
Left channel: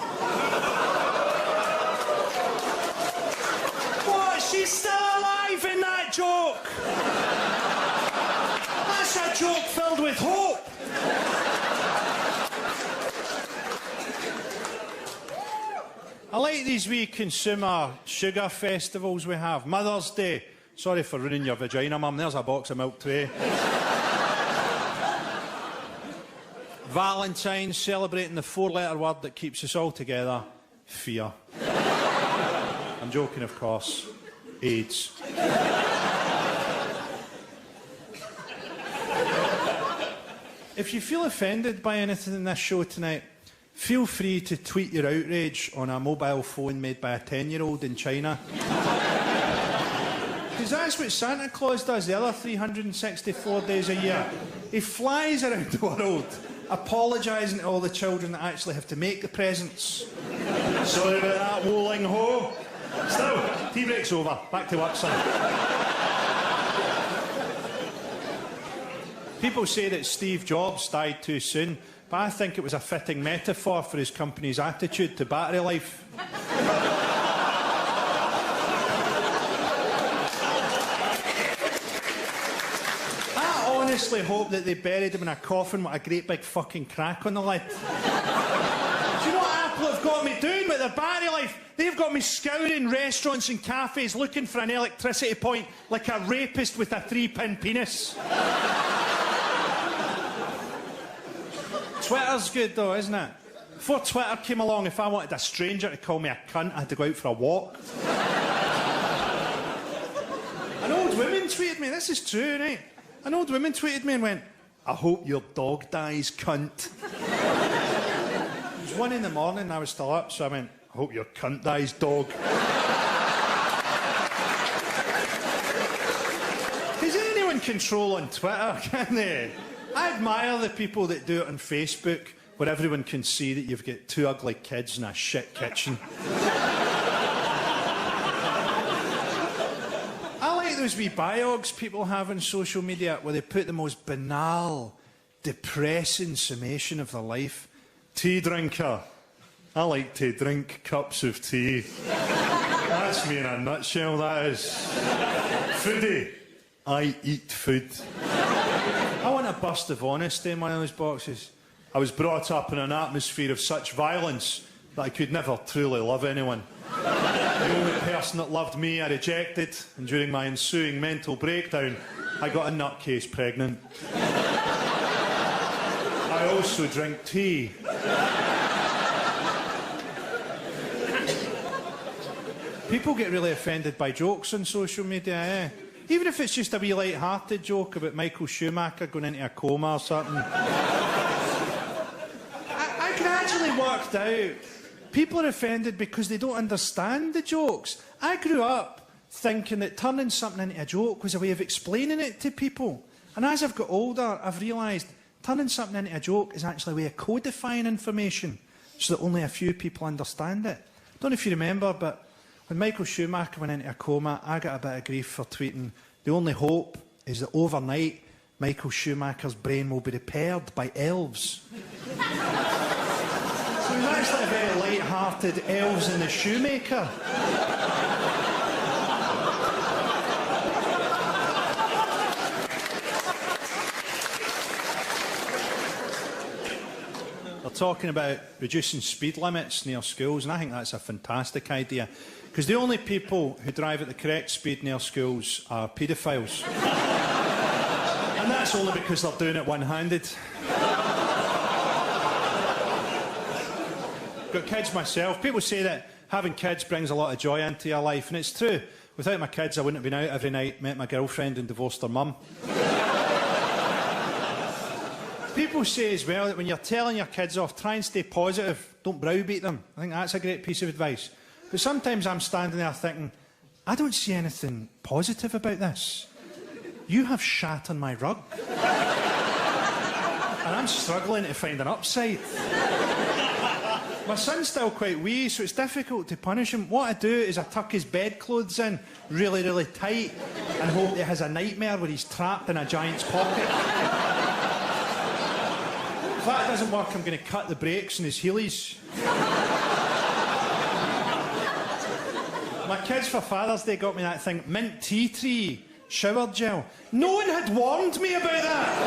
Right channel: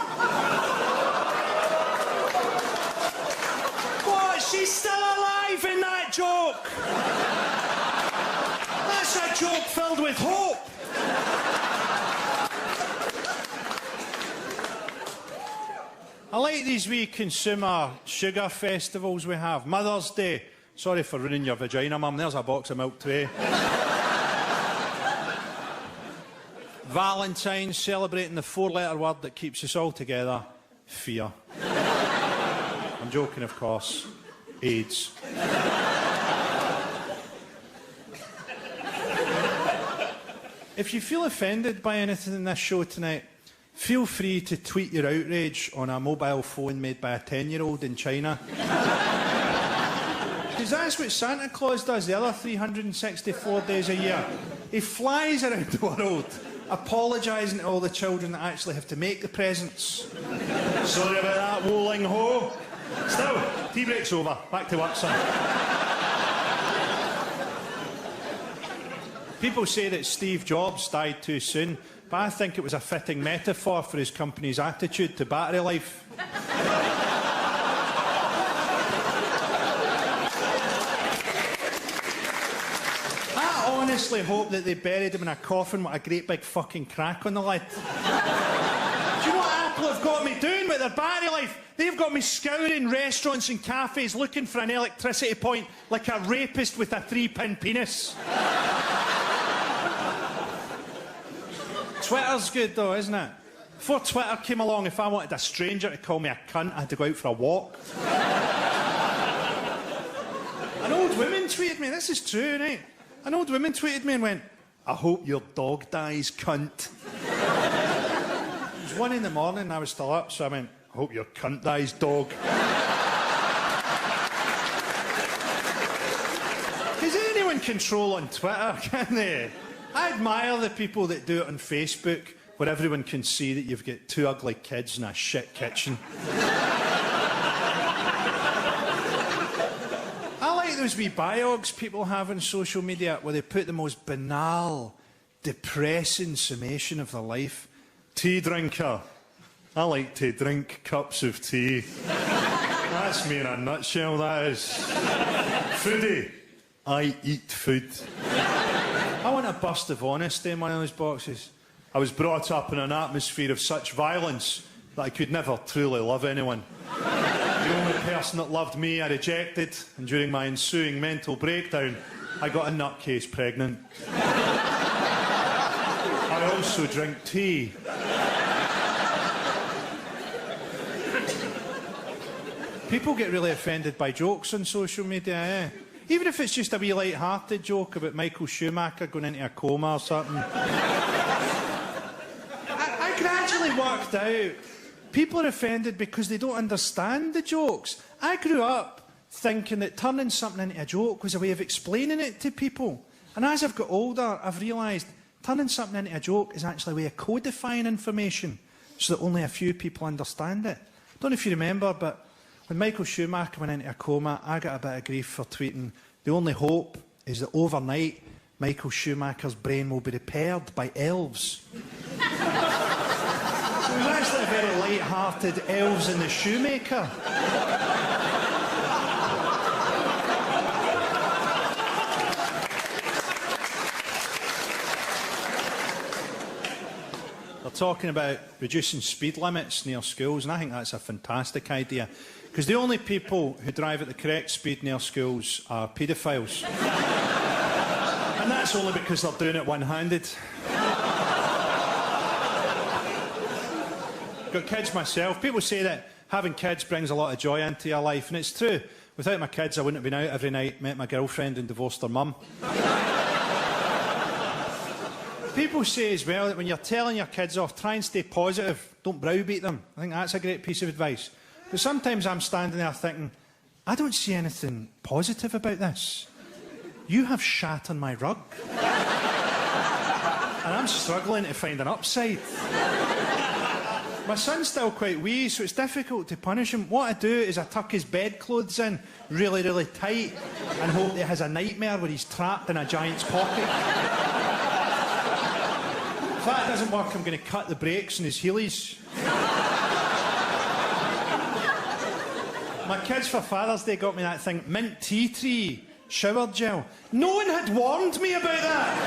What? She's still alive in that joke! That's a joke filled with hope! I like these wee consumer sugar festivals we have. Mother's Day. Sorry for ruining your vagina, Mum. There's a box of milk today. Valentine's, celebrating the 4-letter word that keeps us all together. Fear. I'm joking, of course. AIDS. If you feel offended by anything in this show tonight, feel free to tweet your outrage on a mobile phone made by a 10-year-old in China. Because that's what Santa Claus does the other 364 days a year. He flies around the world, apologising to all the children that actually have to make the presents. Sorry about that, Woling Ho. Still, tea break's over. Back to work, son. People say that Steve Jobs died too soon, but I think it was a fitting metaphor for his company's attitude to battery life. I honestly hope that they buried him in a coffin with a great big fucking crack on the lid. Do you know what Apple have got me doing with their battery life? They've got me scouring restaurants and cafes looking for an electricity point like a rapist with a 3-pin penis. Twitter's good though, isn't it? Before Twitter came along, if I wanted a stranger to call me a cunt, I had to go out for a walk. An old woman tweeted me, this is true, right? An old woman tweeted me and went, I hope your dog dies, cunt. It was 1 in the morning and I was still up, so I went, I hope your cunt dies, dog. Does anyone control on Twitter, can they? I admire the people that do it on Facebook, where everyone can see that you've got 2 ugly kids in a shit kitchen. I like those wee biogs people have on social media, where they put the most banal, depressing summation of their life. Tea drinker. I like to drink cups of tea. That's me in a nutshell, that is. Foodie. I eat food. I want a burst of honesty in one of those boxes. I was brought up in an atmosphere of such violence that I could never truly love anyone. The only person that loved me I rejected, and during my ensuing mental breakdown, I got a nutcase pregnant. I also drink tea. People get really offended by jokes on social media, eh? Even if it's just a wee light-hearted joke about Michael Schumacher going into a coma or something. I gradually worked out people are offended because they don't understand the jokes. I grew up thinking that turning something into a joke was a way of explaining it to people. And as I've got older, I've realised turning something into a joke is actually a way of codifying information so that only a few people understand it. I don't know if you remember, but when Michael Schumacher went into a coma, I got a bit of grief for tweeting, the only hope is that overnight, Michael Schumacher's brain will be repaired by elves. So it was actually a very light-hearted elves in the shoemaker. They're talking about reducing speed limits near schools, and I think that's a fantastic idea. Because the only people who drive at the correct speed near schools are paedophiles. And that's only because they're doing it one-handed. Got kids myself. People say that having kids brings a lot of joy into your life, and it's true. Without my kids, I wouldn't have been out every night, met my girlfriend and divorced her mum. People say as well that when you're telling your kids off, try and stay positive. Don't browbeat them. I think that's a great piece of advice. But sometimes I'm standing there thinking, I don't see anything positive about this. You have shat on my rug. And I'm struggling to find an upside. My son's still quite wee, so it's difficult to punish him. What I do is I tuck his bedclothes in really, really tight and hope that he has a nightmare where he's trapped in a giant's pocket. If that doesn't work, I'm going to cut the brakes on his heelys. My kids for Father's Day got me that thing, mint tea tree shower gel. No one had warned me about that.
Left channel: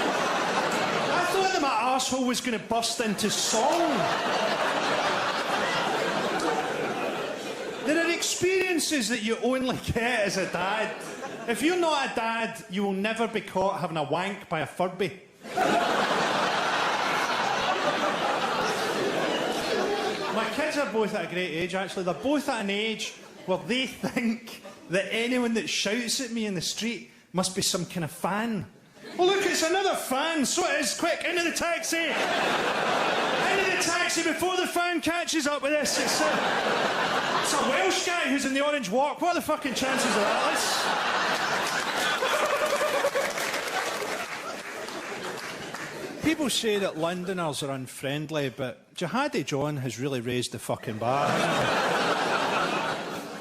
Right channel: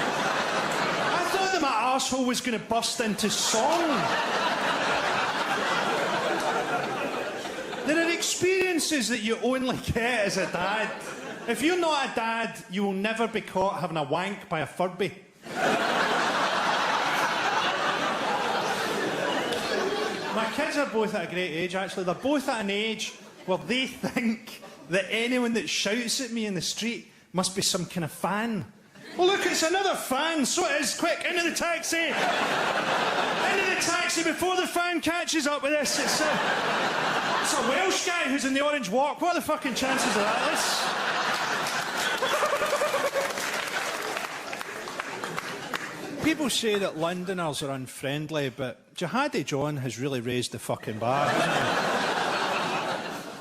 I thought that my arsehole was going to burst into song. There are experiences that you only get as a dad. If you're not a dad, you will never be caught having a wank by a Furby. My kids are both at a great age, actually. They're both at an age where they think that anyone that shouts at me in the street must be some kind of fan. Oh, look, it's another fan. So it is. Quick, into the taxi. Into the taxi before the fan catches up with this. It's a Welsh guy who's in the Orange Walk. What are the fucking chances of that? People say that Londoners are unfriendly, but Jihadi John has really raised the fucking bar, hasn't he?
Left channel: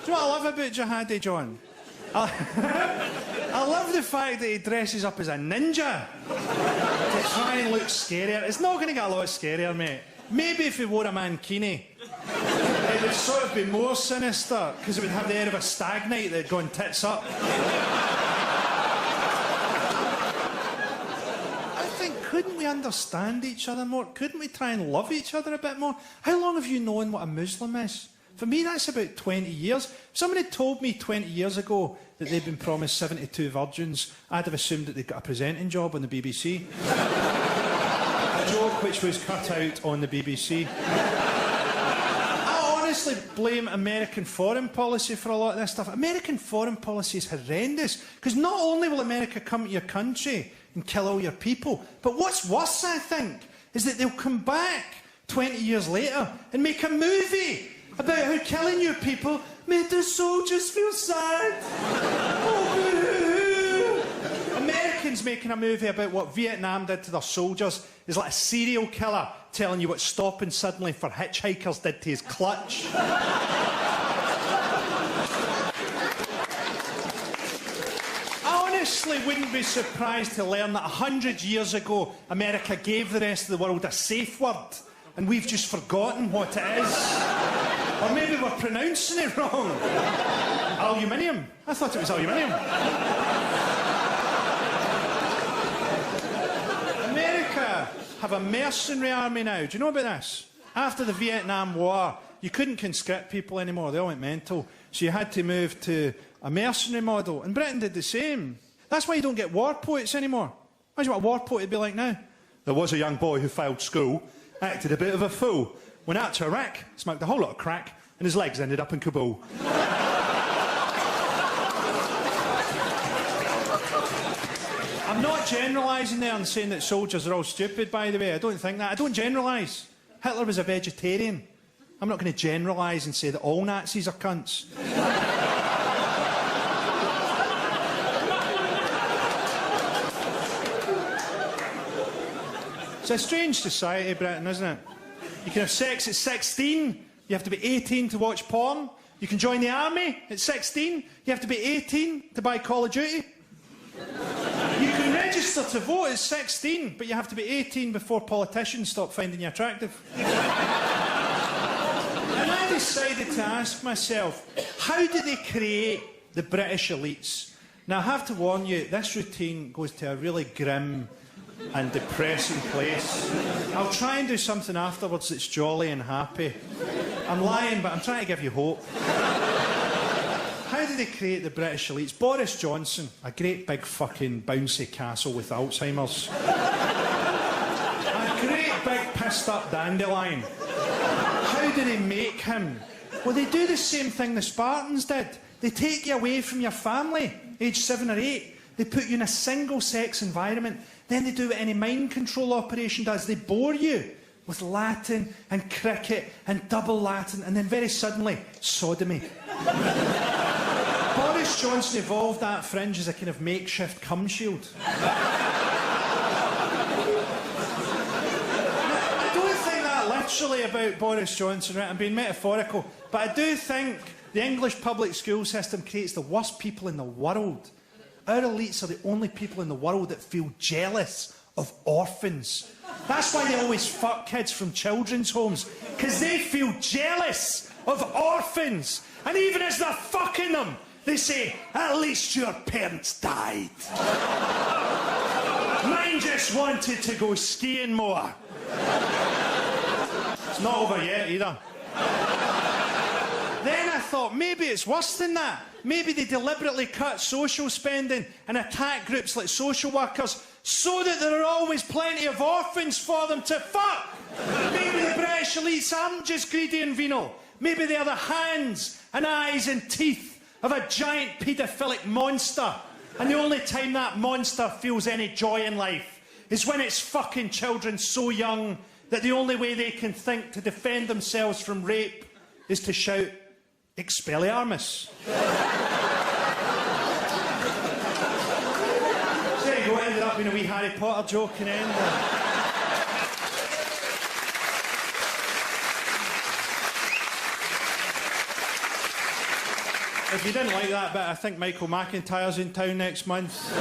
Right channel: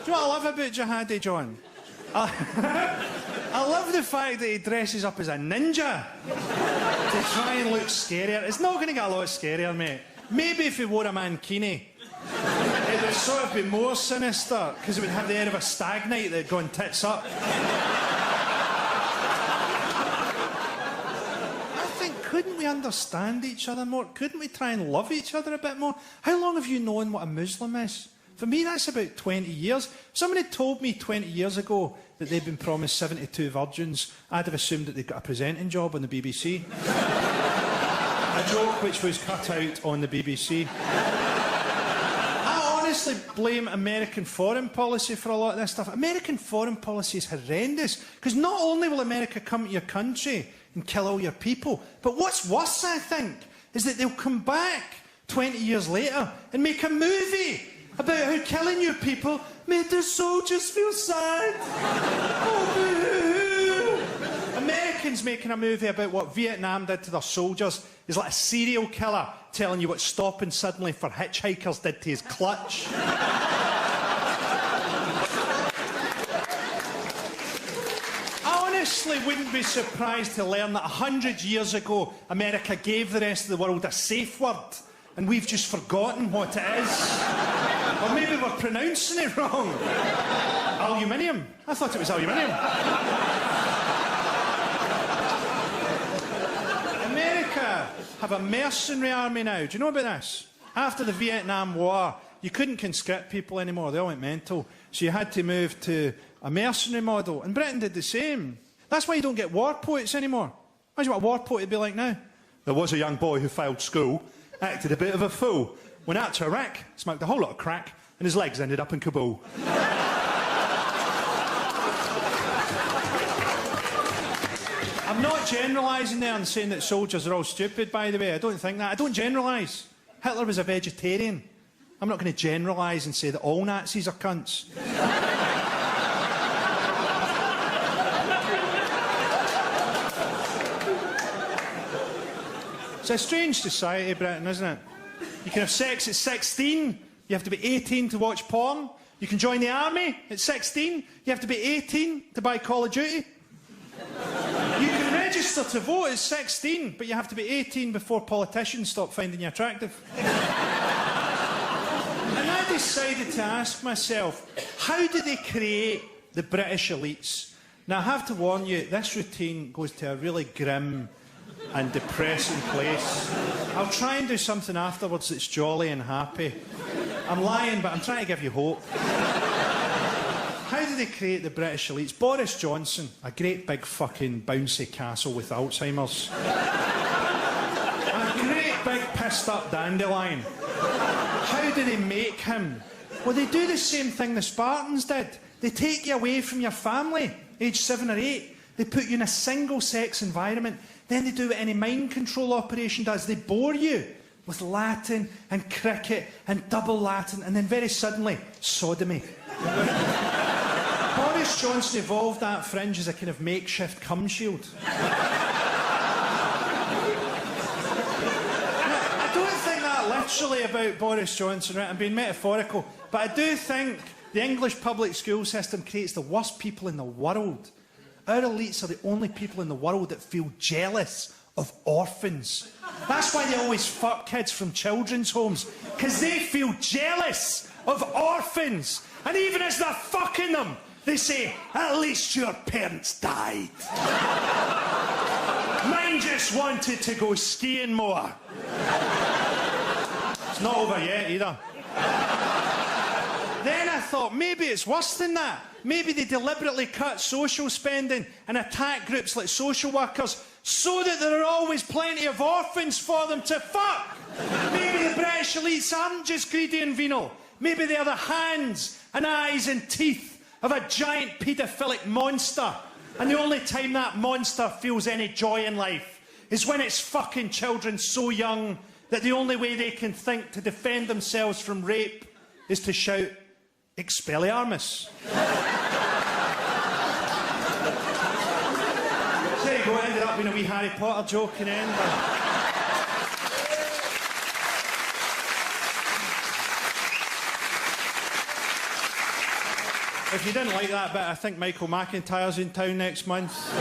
Do you know what I love about Jihadi John? I love the fact that he dresses up as a ninja to try and look scarier. It's not going to get a lot scarier, mate. Maybe if he wore a mankini, it would sort of be more sinister, because it would have the air of a stag night that had gone tits up. Couldn't we understand each other more? Couldn't we try and love each other a bit more? How long have you known what a Muslim is? For me, that's about 20 years. If somebody told me 20 years ago that they'd been promised 72 virgins, I'd have assumed that they'd got a presenting job on the BBC. A joke which was cut out on the BBC. I honestly blame American foreign policy for a lot of this stuff. American foreign policy is horrendous, because not only will America come to your country and kill all your people, but what's worse, I think, is that they'll come back 20 years later and make a movie about how killing your people made the soldiers feel sad. Oh, boo-hoo. Americans making a movie about what Vietnam did to their soldiers is like a serial killer telling you what stopping suddenly for hitchhikers did to his clutch. Honestly, wouldn't be surprised to learn that 100 years ago, America gave the rest of the world a safe word, and we've just forgotten what it is. Or maybe we're pronouncing it wrong. Aluminium. I thought it was aluminium. America have a mercenary army now. Do you know about this? After the Vietnam War, you couldn't conscript people anymore. They all went mental. So you had to move to a mercenary model. And Britain did the same. That's why you don't get war poets anymore. Imagine what a war poet would be like now. There was a young boy who failed school, acted a bit of a fool, went out to Iraq, smoked a whole lot of crack, and his legs ended up in Kabul. I'm not generalising there and saying that soldiers are all stupid, by the way. I don't think that. I don't generalise. Hitler was a vegetarian. I'm not going to generalise and say that all Nazis are cunts. It's a strange society, Britain, isn't it? You can have sex at 16. You have to be 18 to watch porn. You can join the army at 16. You have to be 18 to buy Call of Duty. You can register to vote at 16, but you have to be 18 before politicians stop finding you attractive. And I decided to ask myself, how do they create the British elites? Now, I have to warn you, this routine goes to a really grim and depressing place. I'll try and do something afterwards that's jolly and happy. I'm lying, but I'm trying to give you hope. How do they create the British elites? Boris Johnson, a great big fucking bouncy castle with Alzheimer's. A great big pissed up dandelion. How do they make him? Well, they do the same thing the Spartans did. They take you away from your family, age 7 or 8. They put you in a single-sex environment. Then they do what any mind control operation does. They bore you with Latin and cricket and double Latin, and then very suddenly, sodomy. Boris Johnson evolved that fringe as a kind of makeshift cum shield. I don't think that literally about Boris Johnson, right? I'm being metaphorical. But I do think the English public school system creates the worst people in the world. Our elites are the only people in the world that feel jealous of orphans. That's why they always fuck kids from children's homes, because they feel jealous of orphans. And even as they're fucking them, they say, at least your parents died. Mine just wanted to go skiing more. It's not over yet either. Then I thought, maybe it's worse than that. Maybe they deliberately cut social spending and attack groups like social workers so that there are always plenty of orphans for them to fuck. Maybe the British elites aren't just greedy and venal. Maybe they are the hands and eyes and teeth of a giant paedophilic monster. And the only time that monster feels any joy in life is when it's fucking children so young that the only way they can think to defend themselves from rape is to shout, Expelliarmus. you go, ended up being a wee Harry Potter joke in the end. If you didn't like that bit, I think Michael McIntyre's in town next month.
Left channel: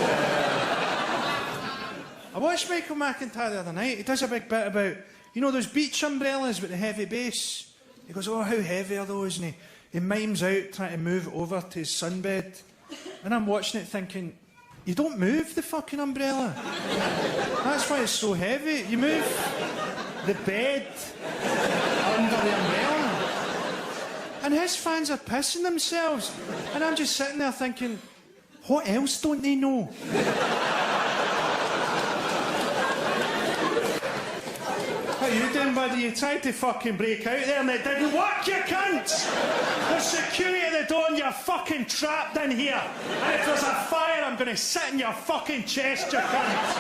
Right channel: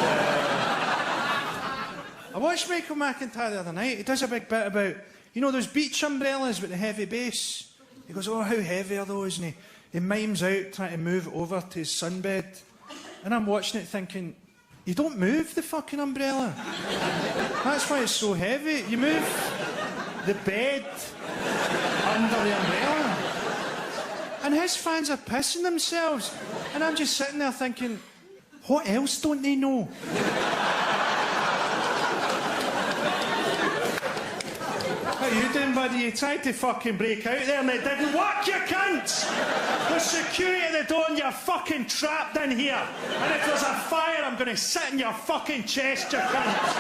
I watched Michael McIntyre the other night. He does a big bit about, you know, those beach umbrellas with the heavy base. He goes, oh, how heavy are those? And he mimes out trying to move it over to his sunbed. And I'm watching it thinking, you don't move the fucking umbrella. That's why it's so heavy. You move the bed under the umbrella. And his fans are pissing themselves. And I'm just sitting there thinking, what else don't they know? What are you doing, buddy? You tried to fucking break out there and it didn't work, you cunts! There's security at the door and you're fucking trapped in here. And if there's a fire, I'm going to sit in your fucking chest, you cunts!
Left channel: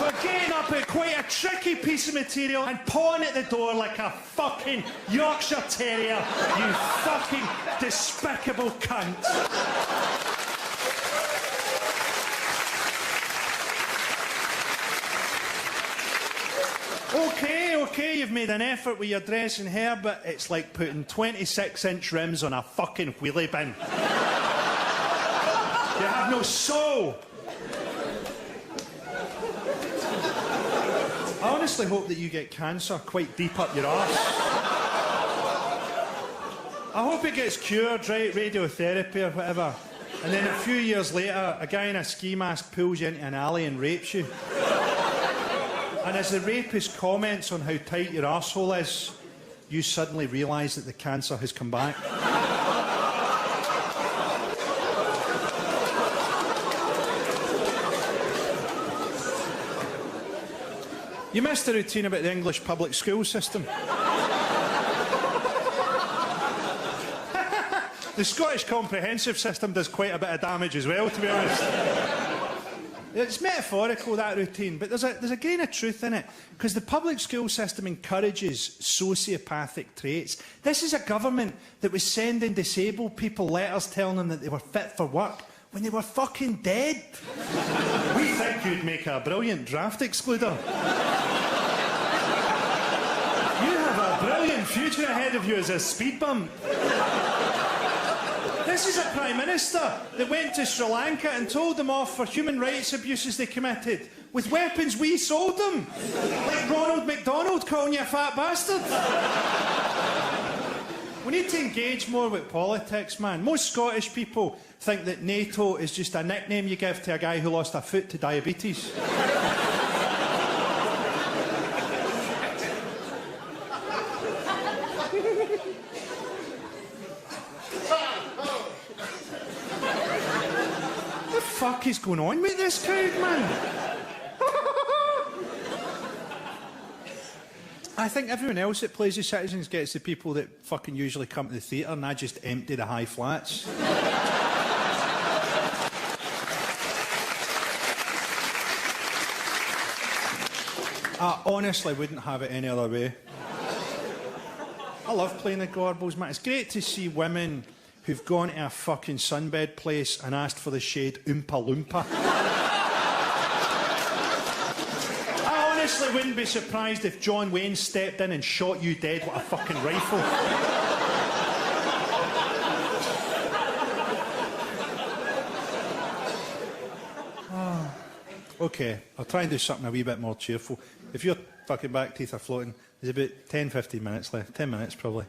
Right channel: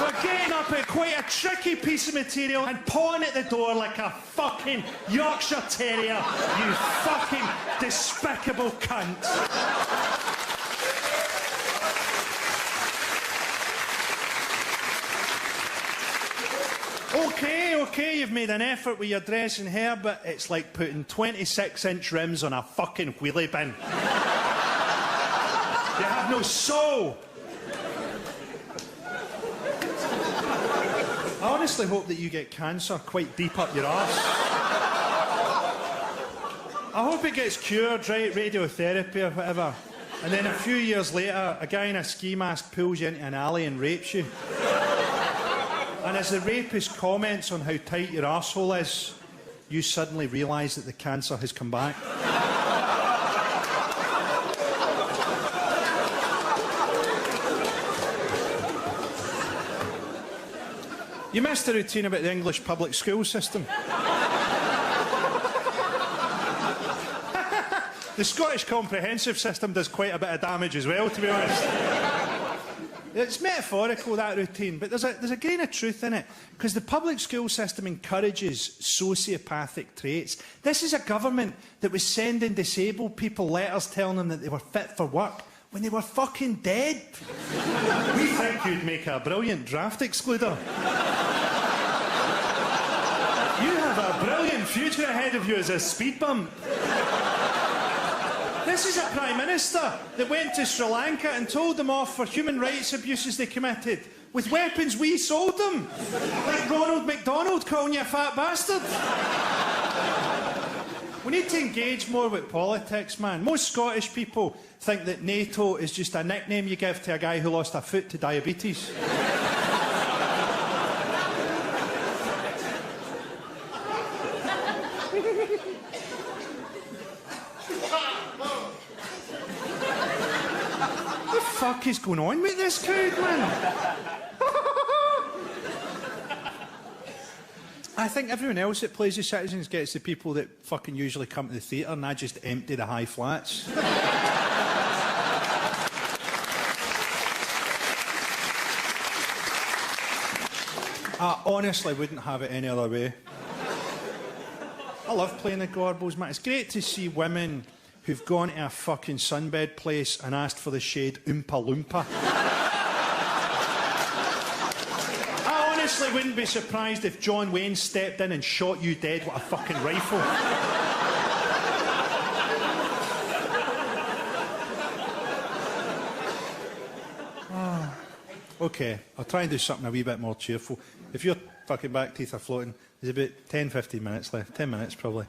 We're getting up at quite a tricky piece of material and pawing at the door like a fucking Yorkshire Terrier, you fucking despicable cunt. Okay, you've made an effort with your dress and hair, but it's like putting 26-inch rims on a fucking wheelie bin. You have no soul. I honestly hope that you get cancer quite deep up your arse. I hope it gets cured, right, radiotherapy or whatever. And then a few years later, a guy in a ski mask pulls you into an alley and rapes you. And as the rapist comments on how tight your arsehole is, you suddenly realise that the cancer has come back. You missed the routine about the English public school system. The Scottish comprehensive system does quite a bit of damage as well, to be honest. It's metaphorical, that routine, but there's a grain of truth in it, because the public school system encourages sociopathic traits. This is a government that was sending disabled people letters telling them that they were fit for work when they were fucking dead. We think you'd make a brilliant draft excluder. You have a brilliant future ahead of you as a speed bump. This is a Prime Minister that went to Sri Lanka and told them off for human rights abuses they committed with weapons we sold them. Like Ronald McDonald calling you a fat bastard. We need to engage more with politics, man. Most Scottish people think that NATO is just a nickname you give to a guy who lost a foot to diabetes. What is going on with this crowd, man? I think everyone else that plays the citizens gets the people that fucking usually come to the theatre, and I just empty the high flats. I honestly wouldn't have it any other way. I love playing the Gorbals, man. It's great to see women who've gone to a fucking sunbed place and asked for the shade Oompa Loompa. I honestly wouldn't be surprised if John Wayne stepped in and shot you dead with a fucking rifle. OK, I'll try and do something a wee bit more cheerful. If your fucking back teeth are floating, there's about 10-15 minutes left. 10 minutes, probably.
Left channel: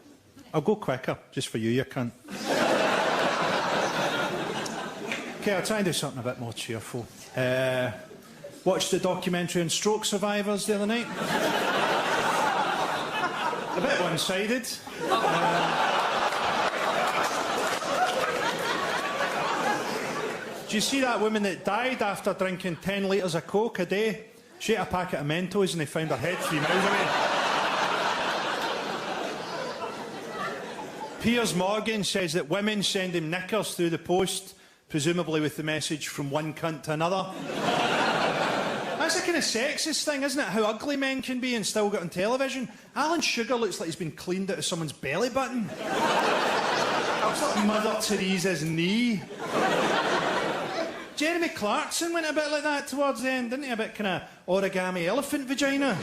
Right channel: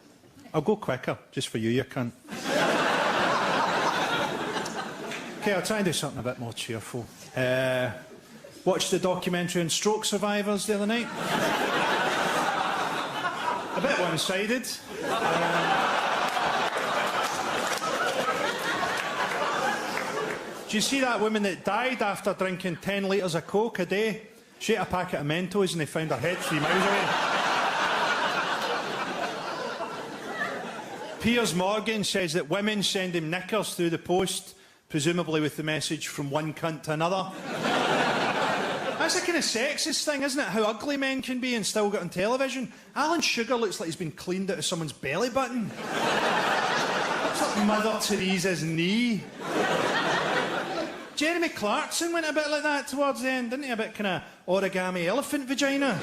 I'll go quicker, just for you cunt. OK, I'll try and do something a bit more cheerful. Watched the documentary on stroke survivors the other night. A bit one-sided. Did you see that woman that died after drinking 10 litres of Coke a day? She ate a packet of Mentos and they found her head 3 miles away. Piers Morgan says that women send him knickers through the post, presumably with the message from one cunt to another. That's a kind of sexist thing, isn't it? How ugly men can be and still get on television. Alan Sugar looks like he's been cleaned out of someone's belly button. Mother Teresa's knee. Jeremy Clarkson went a bit like that towards the end, didn't he? A bit kind of origami elephant vagina.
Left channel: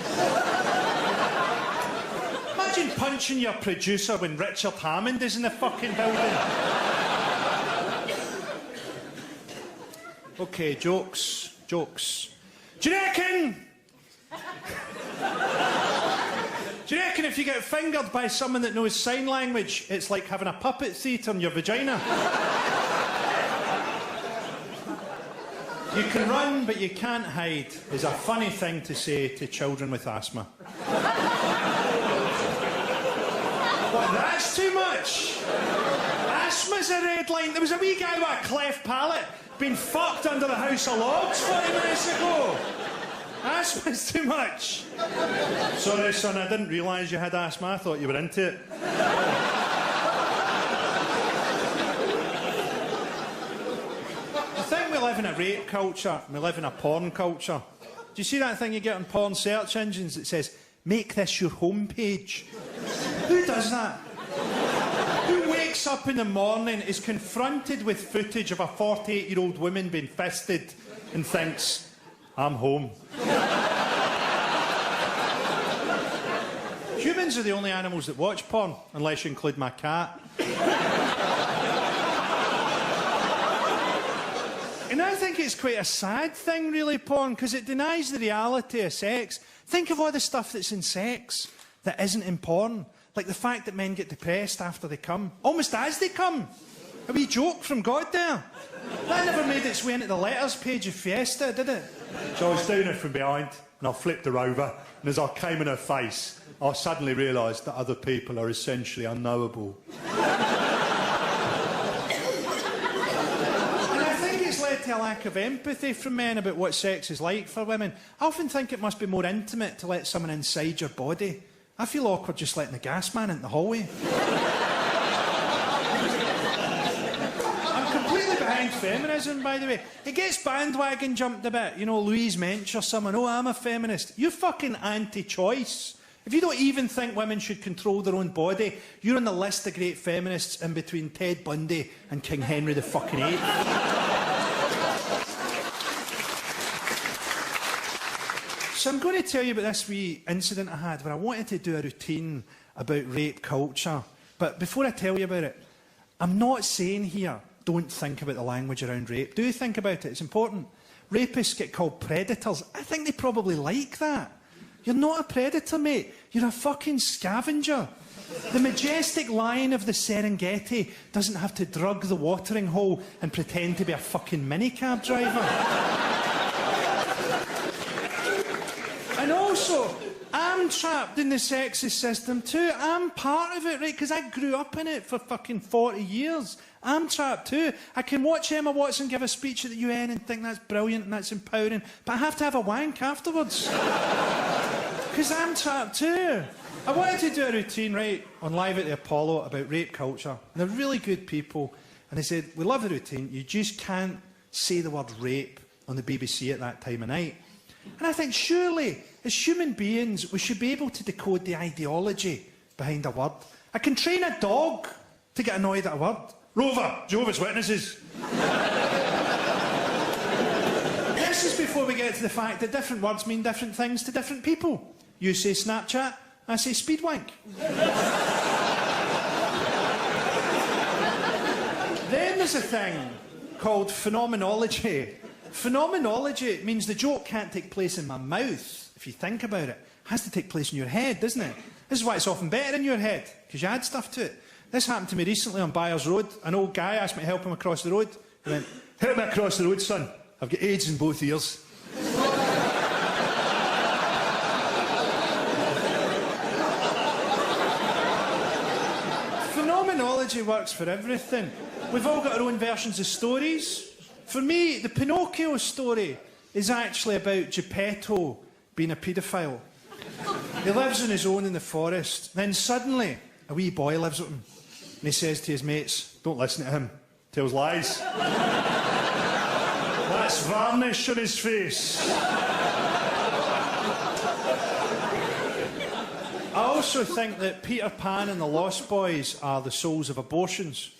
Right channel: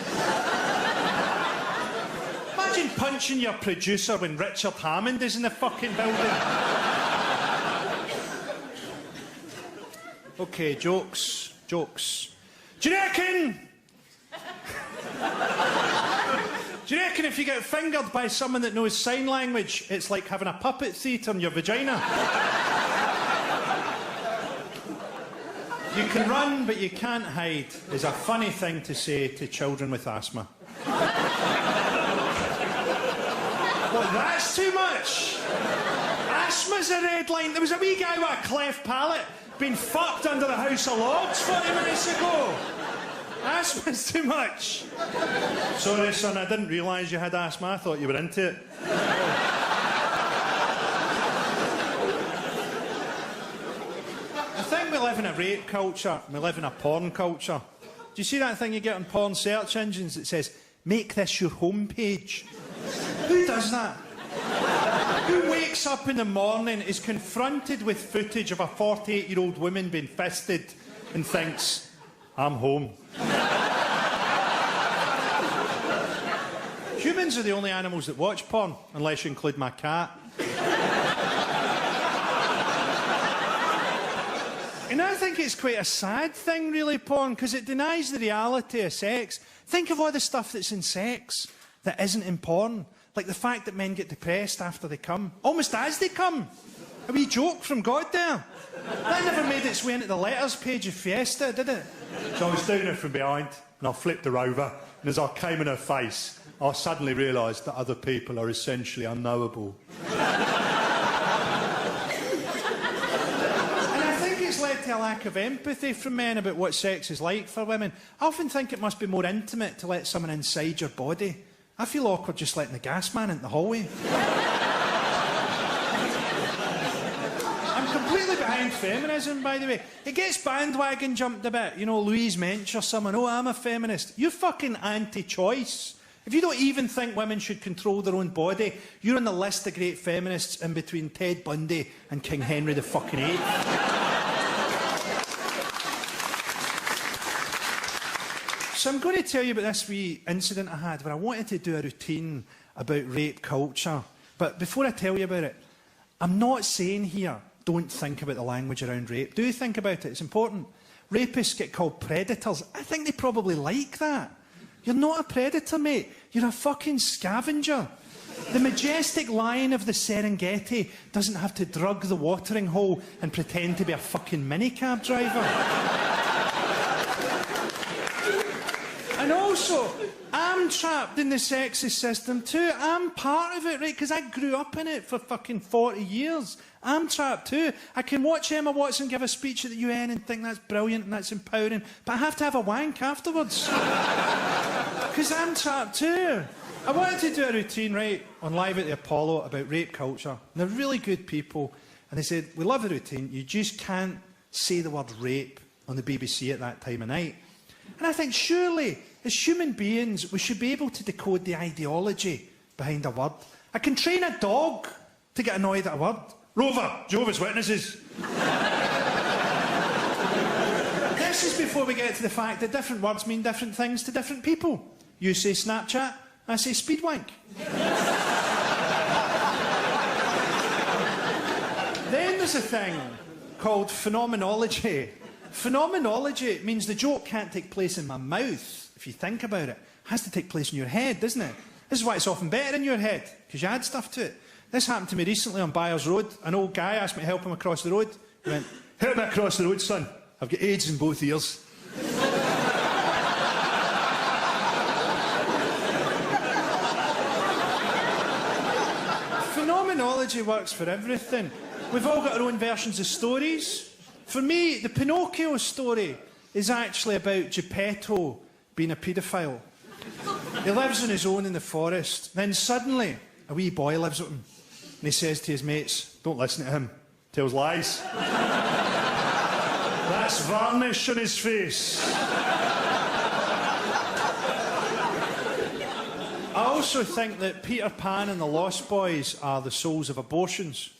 Imagine punching your producer when Richard Hammond is in the fucking building. Okay, jokes. Jokes. Do you reckon if you get fingered by someone that knows sign language, it's like having a puppet theatre in your vagina? You can run, but you can't hide, is a funny thing to say to children with asthma. Well, that's too much. Asthma's a red line. There was a wee guy with a cleft palate being fucked under the House of Lords 40 minutes ago. Asthma's too much. Sorry, son, I didn't realise you had asthma. I thought you were into it. I think we live in a rape culture. We live in a porn culture. Do you see that thing you get on porn search engines that says, make this your homepage? Who does that? Who wakes up in the morning, is confronted with footage of a 48-year-old woman being fisted and thinks, I'm home. Humans are the only animals that watch porn, unless you include my cat. And I think it's quite a sad thing, really, porn, because it denies the reality of sex. Think of all the stuff that's in sex that isn't in porn. Like the fact that men get depressed after they come, almost as they come. A wee joke from God there. That never made its way into the letters page of Fiesta, did it? So I was doing it from behind, and I flipped her over, and as I came in her face, I suddenly realised that other people are essentially unknowable. And I think it's led to a lack of empathy from men about what sex is like for women. I often think it must be more intimate to let someone inside your body. I feel awkward just letting the gas man into the hallway. Completely behind feminism, by the way. It gets bandwagon jumped a bit. You know, Louise Mensch or someone, oh, I'm a feminist. You're fucking anti-choice. If you don't even think women should control their own body, you're on the list of great feminists in between Ted Bundy and King Henry the fucking VIII. So I'm going to tell you about this wee incident I had when I wanted to do a routine about rape culture. But before I tell you about it, I'm not saying here, don't think about the language around rape. Do think about it, it's important. Rapists get called predators. I think they probably like that. You're not a predator, mate. You're a fucking scavenger. The majestic lion of the Serengeti doesn't have to drug the watering hole and pretend to be a fucking minicab driver. And also, I'm trapped in the sexist system too. I'm part of it, right? Because I grew up in it for fucking 40 years. I'm trapped too. I can watch Emma Watson give a speech at the UN and think that's brilliant and that's empowering, but I have to have a wank afterwards. Because I'm trapped too. I wanted to do a routine, right, on Live at the Apollo about rape culture. And they're really good people. And they said, we love the routine, you just can't say the word rape on the BBC at that time of night. And I think, surely, as human beings, we should be able to decode the ideology behind a word. I can train a dog to get annoyed at a word. Rover, Jehovah's Witnesses. This is before we get to the fact that different words mean different things to different people. You say Snapchat, I say speedwank. Then there's a thing called phenomenology. Phenomenology means the joke can't take place in my mouth, if you think about it. It has to take place in your head, doesn't it? This is why it's often better in your head, because you add stuff to it. This happened to me recently on Byers Road. An old guy asked me to help him across the road. He went, help me across the road, son. I've got AIDS in both ears. Phenomenology works for everything. We've all got our own versions of stories. For me, the Pinocchio story is actually about Geppetto being a paedophile. He lives on his own in the forest. Then suddenly, a wee boy lives with him. And he says to his mates, don't listen to him. Tells lies. That's varnish on his face. I also think that Peter Pan and the Lost Boys are the souls of abortions.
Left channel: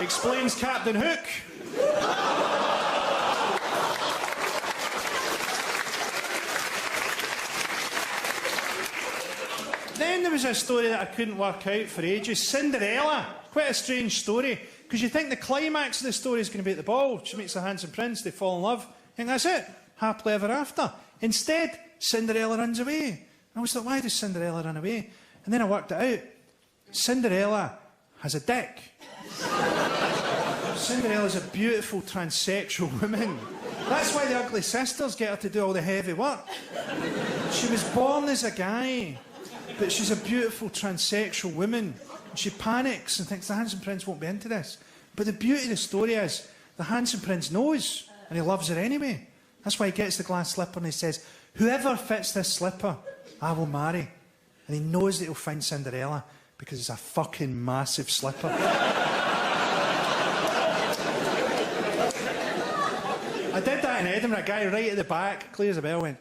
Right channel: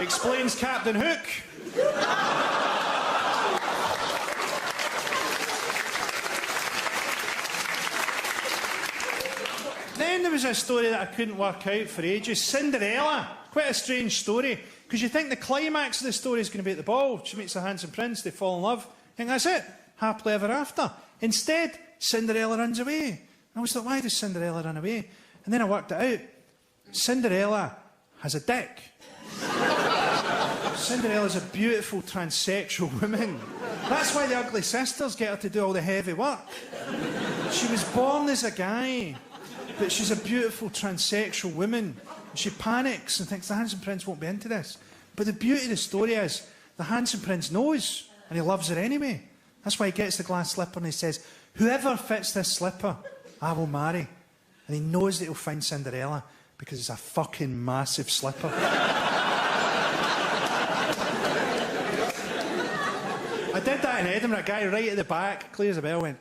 Explains Captain Hook. Then there was a story that I couldn't work out for ages. Cinderella. Quite a strange story. Because you think the climax of the story is going to be at the ball. She meets the handsome prince, they fall in love. You think that's it. Happily ever after. Instead, Cinderella runs away. And I was like, why does Cinderella run away? And then I worked it out. Cinderella has a dick. Cinderella's a beautiful transsexual woman. That's why the ugly sisters get her to do all the heavy work. She was born as a guy, but she's a beautiful transsexual woman. And she panics and thinks the handsome prince won't be into this. But the beauty of the story is, the handsome prince knows, and he loves her anyway. That's why he gets the glass slipper and he says, whoever fits this slipper, I will marry. And he knows that he'll find Cinderella because it's a fucking massive slipper. I did that in Edinburgh. A guy right at the back, clear as a bell, went,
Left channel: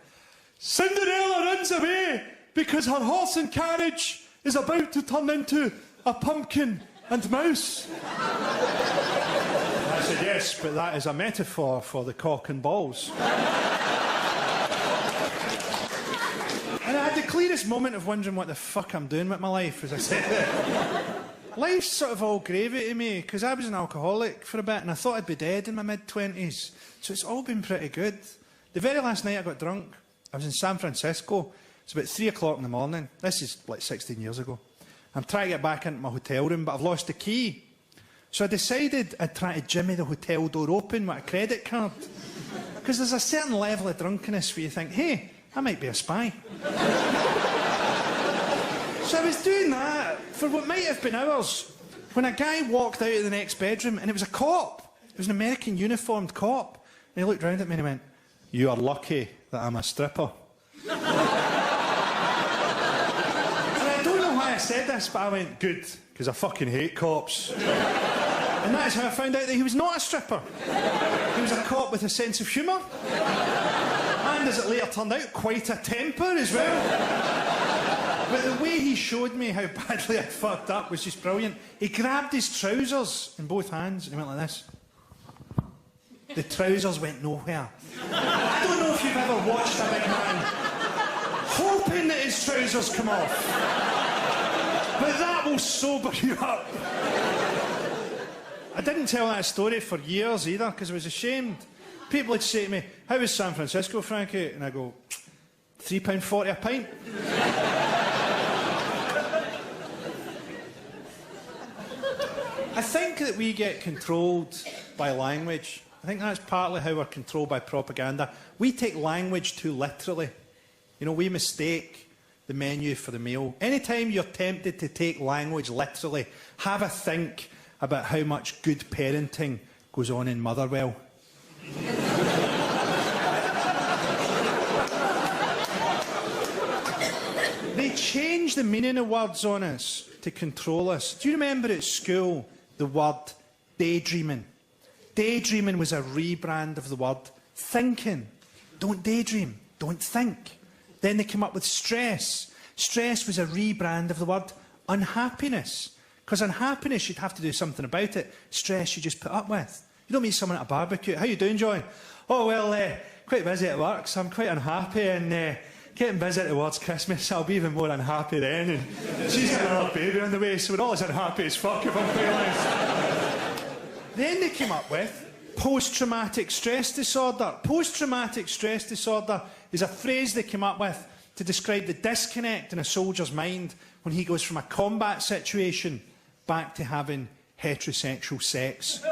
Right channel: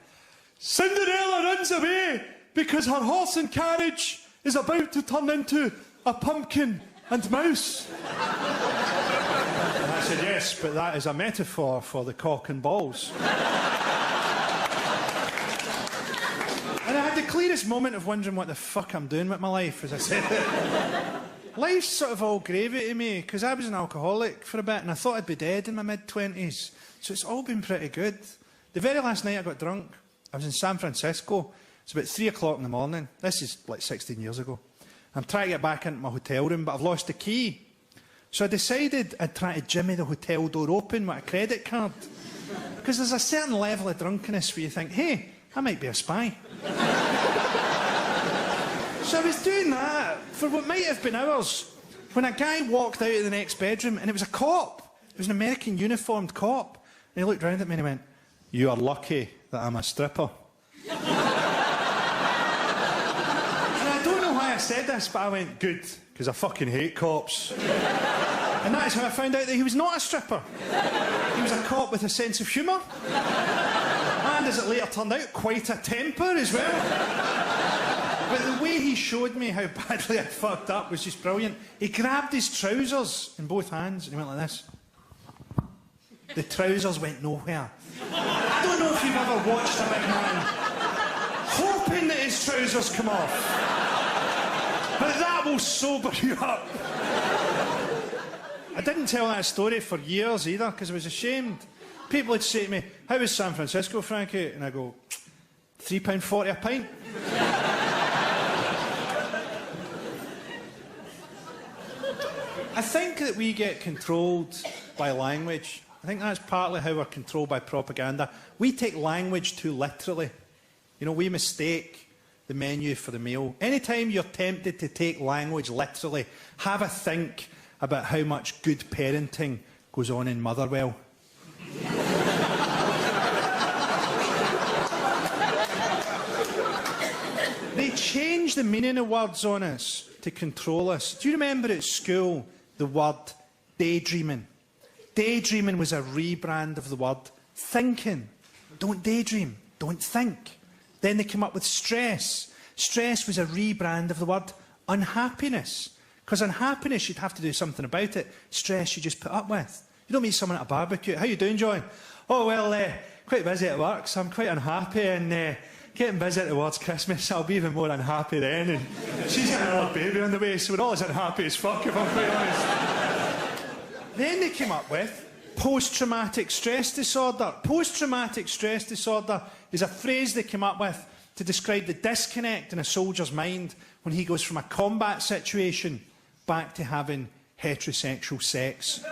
Cinderella runs away because her horse and carriage is about to turn into a pumpkin and mouse. I said, yes, but that is a metaphor for the cock and balls. And I had the clearest moment of wondering what the fuck I'm doing with my life, as I said. Life's sort of all gravy to me, because I was an alcoholic for a bit, and I thought I'd be dead in my mid-20s. So it's all been pretty good. The very last night I got drunk, I was in San Francisco. It's about 3 o'clock in the morning. This is like 16 years ago. I'm trying to get back into my hotel room, but I've lost the key. So I decided I'd try to jimmy the hotel door open with a credit card. Because there's a certain level of drunkenness where you think, hey, I might be a spy. So I was doing that for what might have been hours, when a guy walked out of the next bedroom, and it was a cop. It was an American uniformed cop. And he looked round at me and he went, you are lucky that I'm a stripper. I said this, but I went, good, because I fucking hate cops. And that's how I found out that he was not a stripper. He was a cop with a sense of humour. And as it later turned out, quite a temper as well. But the way he showed me how badly I fucked up was just brilliant. He grabbed his trousers in both hands and he went like this. The trousers went nowhere. I don't know if you've ever watched a big man hoping that his trousers come off. But that will sober you up. I didn't tell that story for years either, because I was ashamed. People would say to me, how was San Francisco, Frankie? And I go, £3.40 a pint. I think that we get controlled by language. I think that's partly how we're controlled by propaganda. We take language too literally. You know, we mistake the menu for the meal. Anytime you're tempted to take language literally, have a think about how much good parenting goes on in Motherwell. They change the meaning of words on us to control us. Do you remember at school the word daydreaming? Daydreaming was a rebrand of the word thinking. Don't daydream, don't think. Then they came up with stress. Stress was a rebrand of the word unhappiness. Because unhappiness, you'd have to do something about it. Stress, you just put up with. You don't meet someone at a barbecue. How you doing, John? Oh, well, quite busy at work, so I'm quite unhappy. And getting busy towards Christmas, I'll be even more unhappy then. And she's got another baby on the way, so we're all as unhappy as fuck, if I'm quite honest. Then they came up with post-traumatic stress disorder. Post-traumatic stress disorder is a phrase they came up with to describe the disconnect in a soldier's mind when he goes from a combat situation back to having heterosexual sex.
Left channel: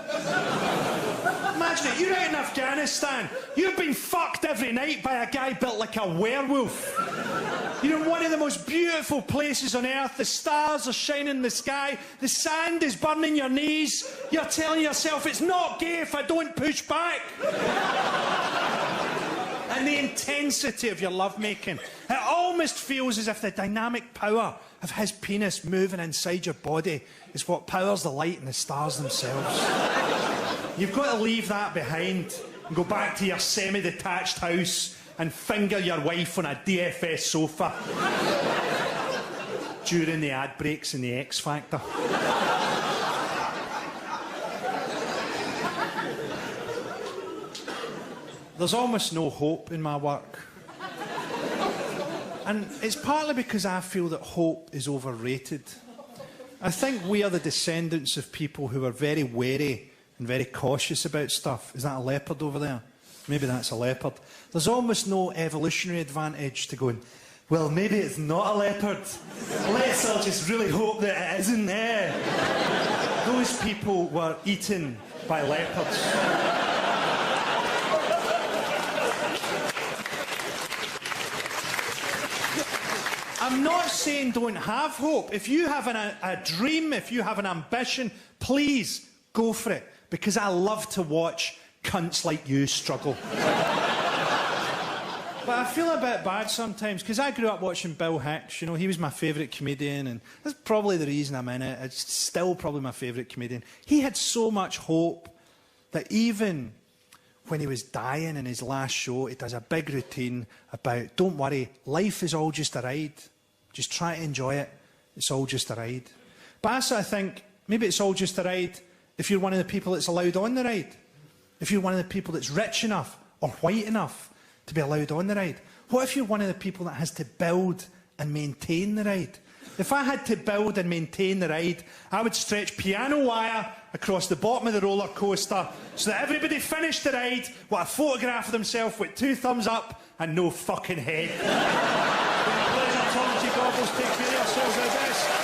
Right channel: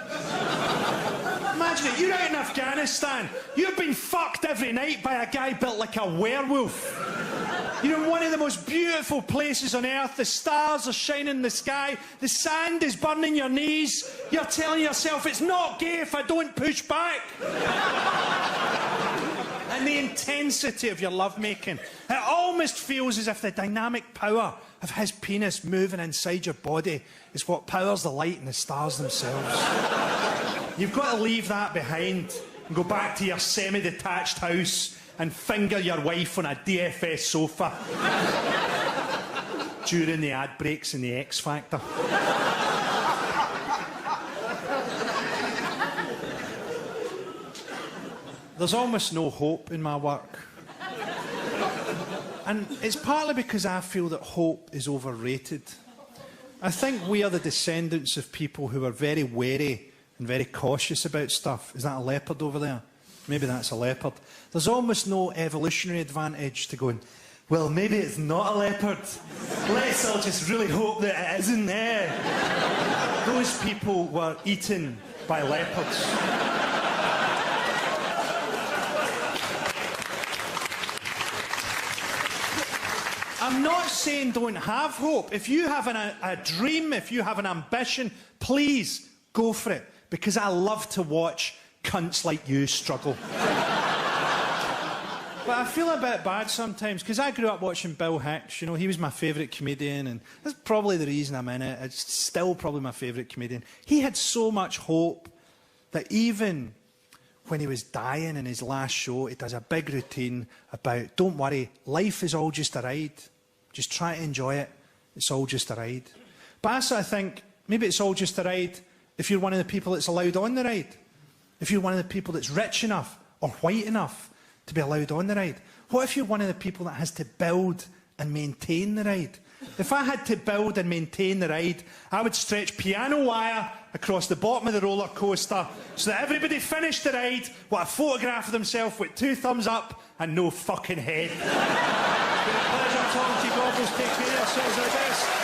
Imagine it, you're out in Afghanistan, you've been fucked every night by a guy built like a werewolf. You're in one of the most beautiful places on earth. The stars are shining in the sky. The sand is burning your knees. You're telling yourself it's not gay if I don't push back. And the intensity of your lovemaking. It almost feels as if the dynamic power of his penis moving inside your body is what powers the light and the stars themselves. You've got to leave that behind and go back to your semi-detached house and finger your wife on a DFS sofa during the ad breaks in the X Factor. There's almost no hope in my work. And it's partly because I feel that hope is overrated. I think we are the descendants of people who are very wary and very cautious about stuff. Is that a leopard over there? Maybe that's a leopard. There's almost no evolutionary advantage to going, well, maybe it's not a leopard. Let's all just really hope that it isn't there. Those people were eaten by leopards. I'm not saying don't have hope. If you have a dream, if you have an ambition, please go for it. Because I love to watch cunts like you struggle. But I feel a bit bad sometimes, because I grew up watching Bill Hicks. You know, he was my favourite comedian, and that's probably the reason I'm in it. It's still probably my favourite comedian. He had so much hope that even when he was dying in his last show, he does a big routine about, don't worry, life is all just a ride. Just try to enjoy it. It's all just a ride. But I sort of think, maybe it's all just a ride if you're one of the people that's allowed on the ride. If you're one of the people that's rich enough or white enough to be allowed on the ride. What if you're one of the people that has to build and maintain the ride? If I had to build and maintain the ride, I would stretch piano wire across the bottom of the roller coaster so that everybody finished the ride with a photograph of themselves with 2 thumbs up and no fucking head. Pleasure, Tom. Take care of yourselves at the best.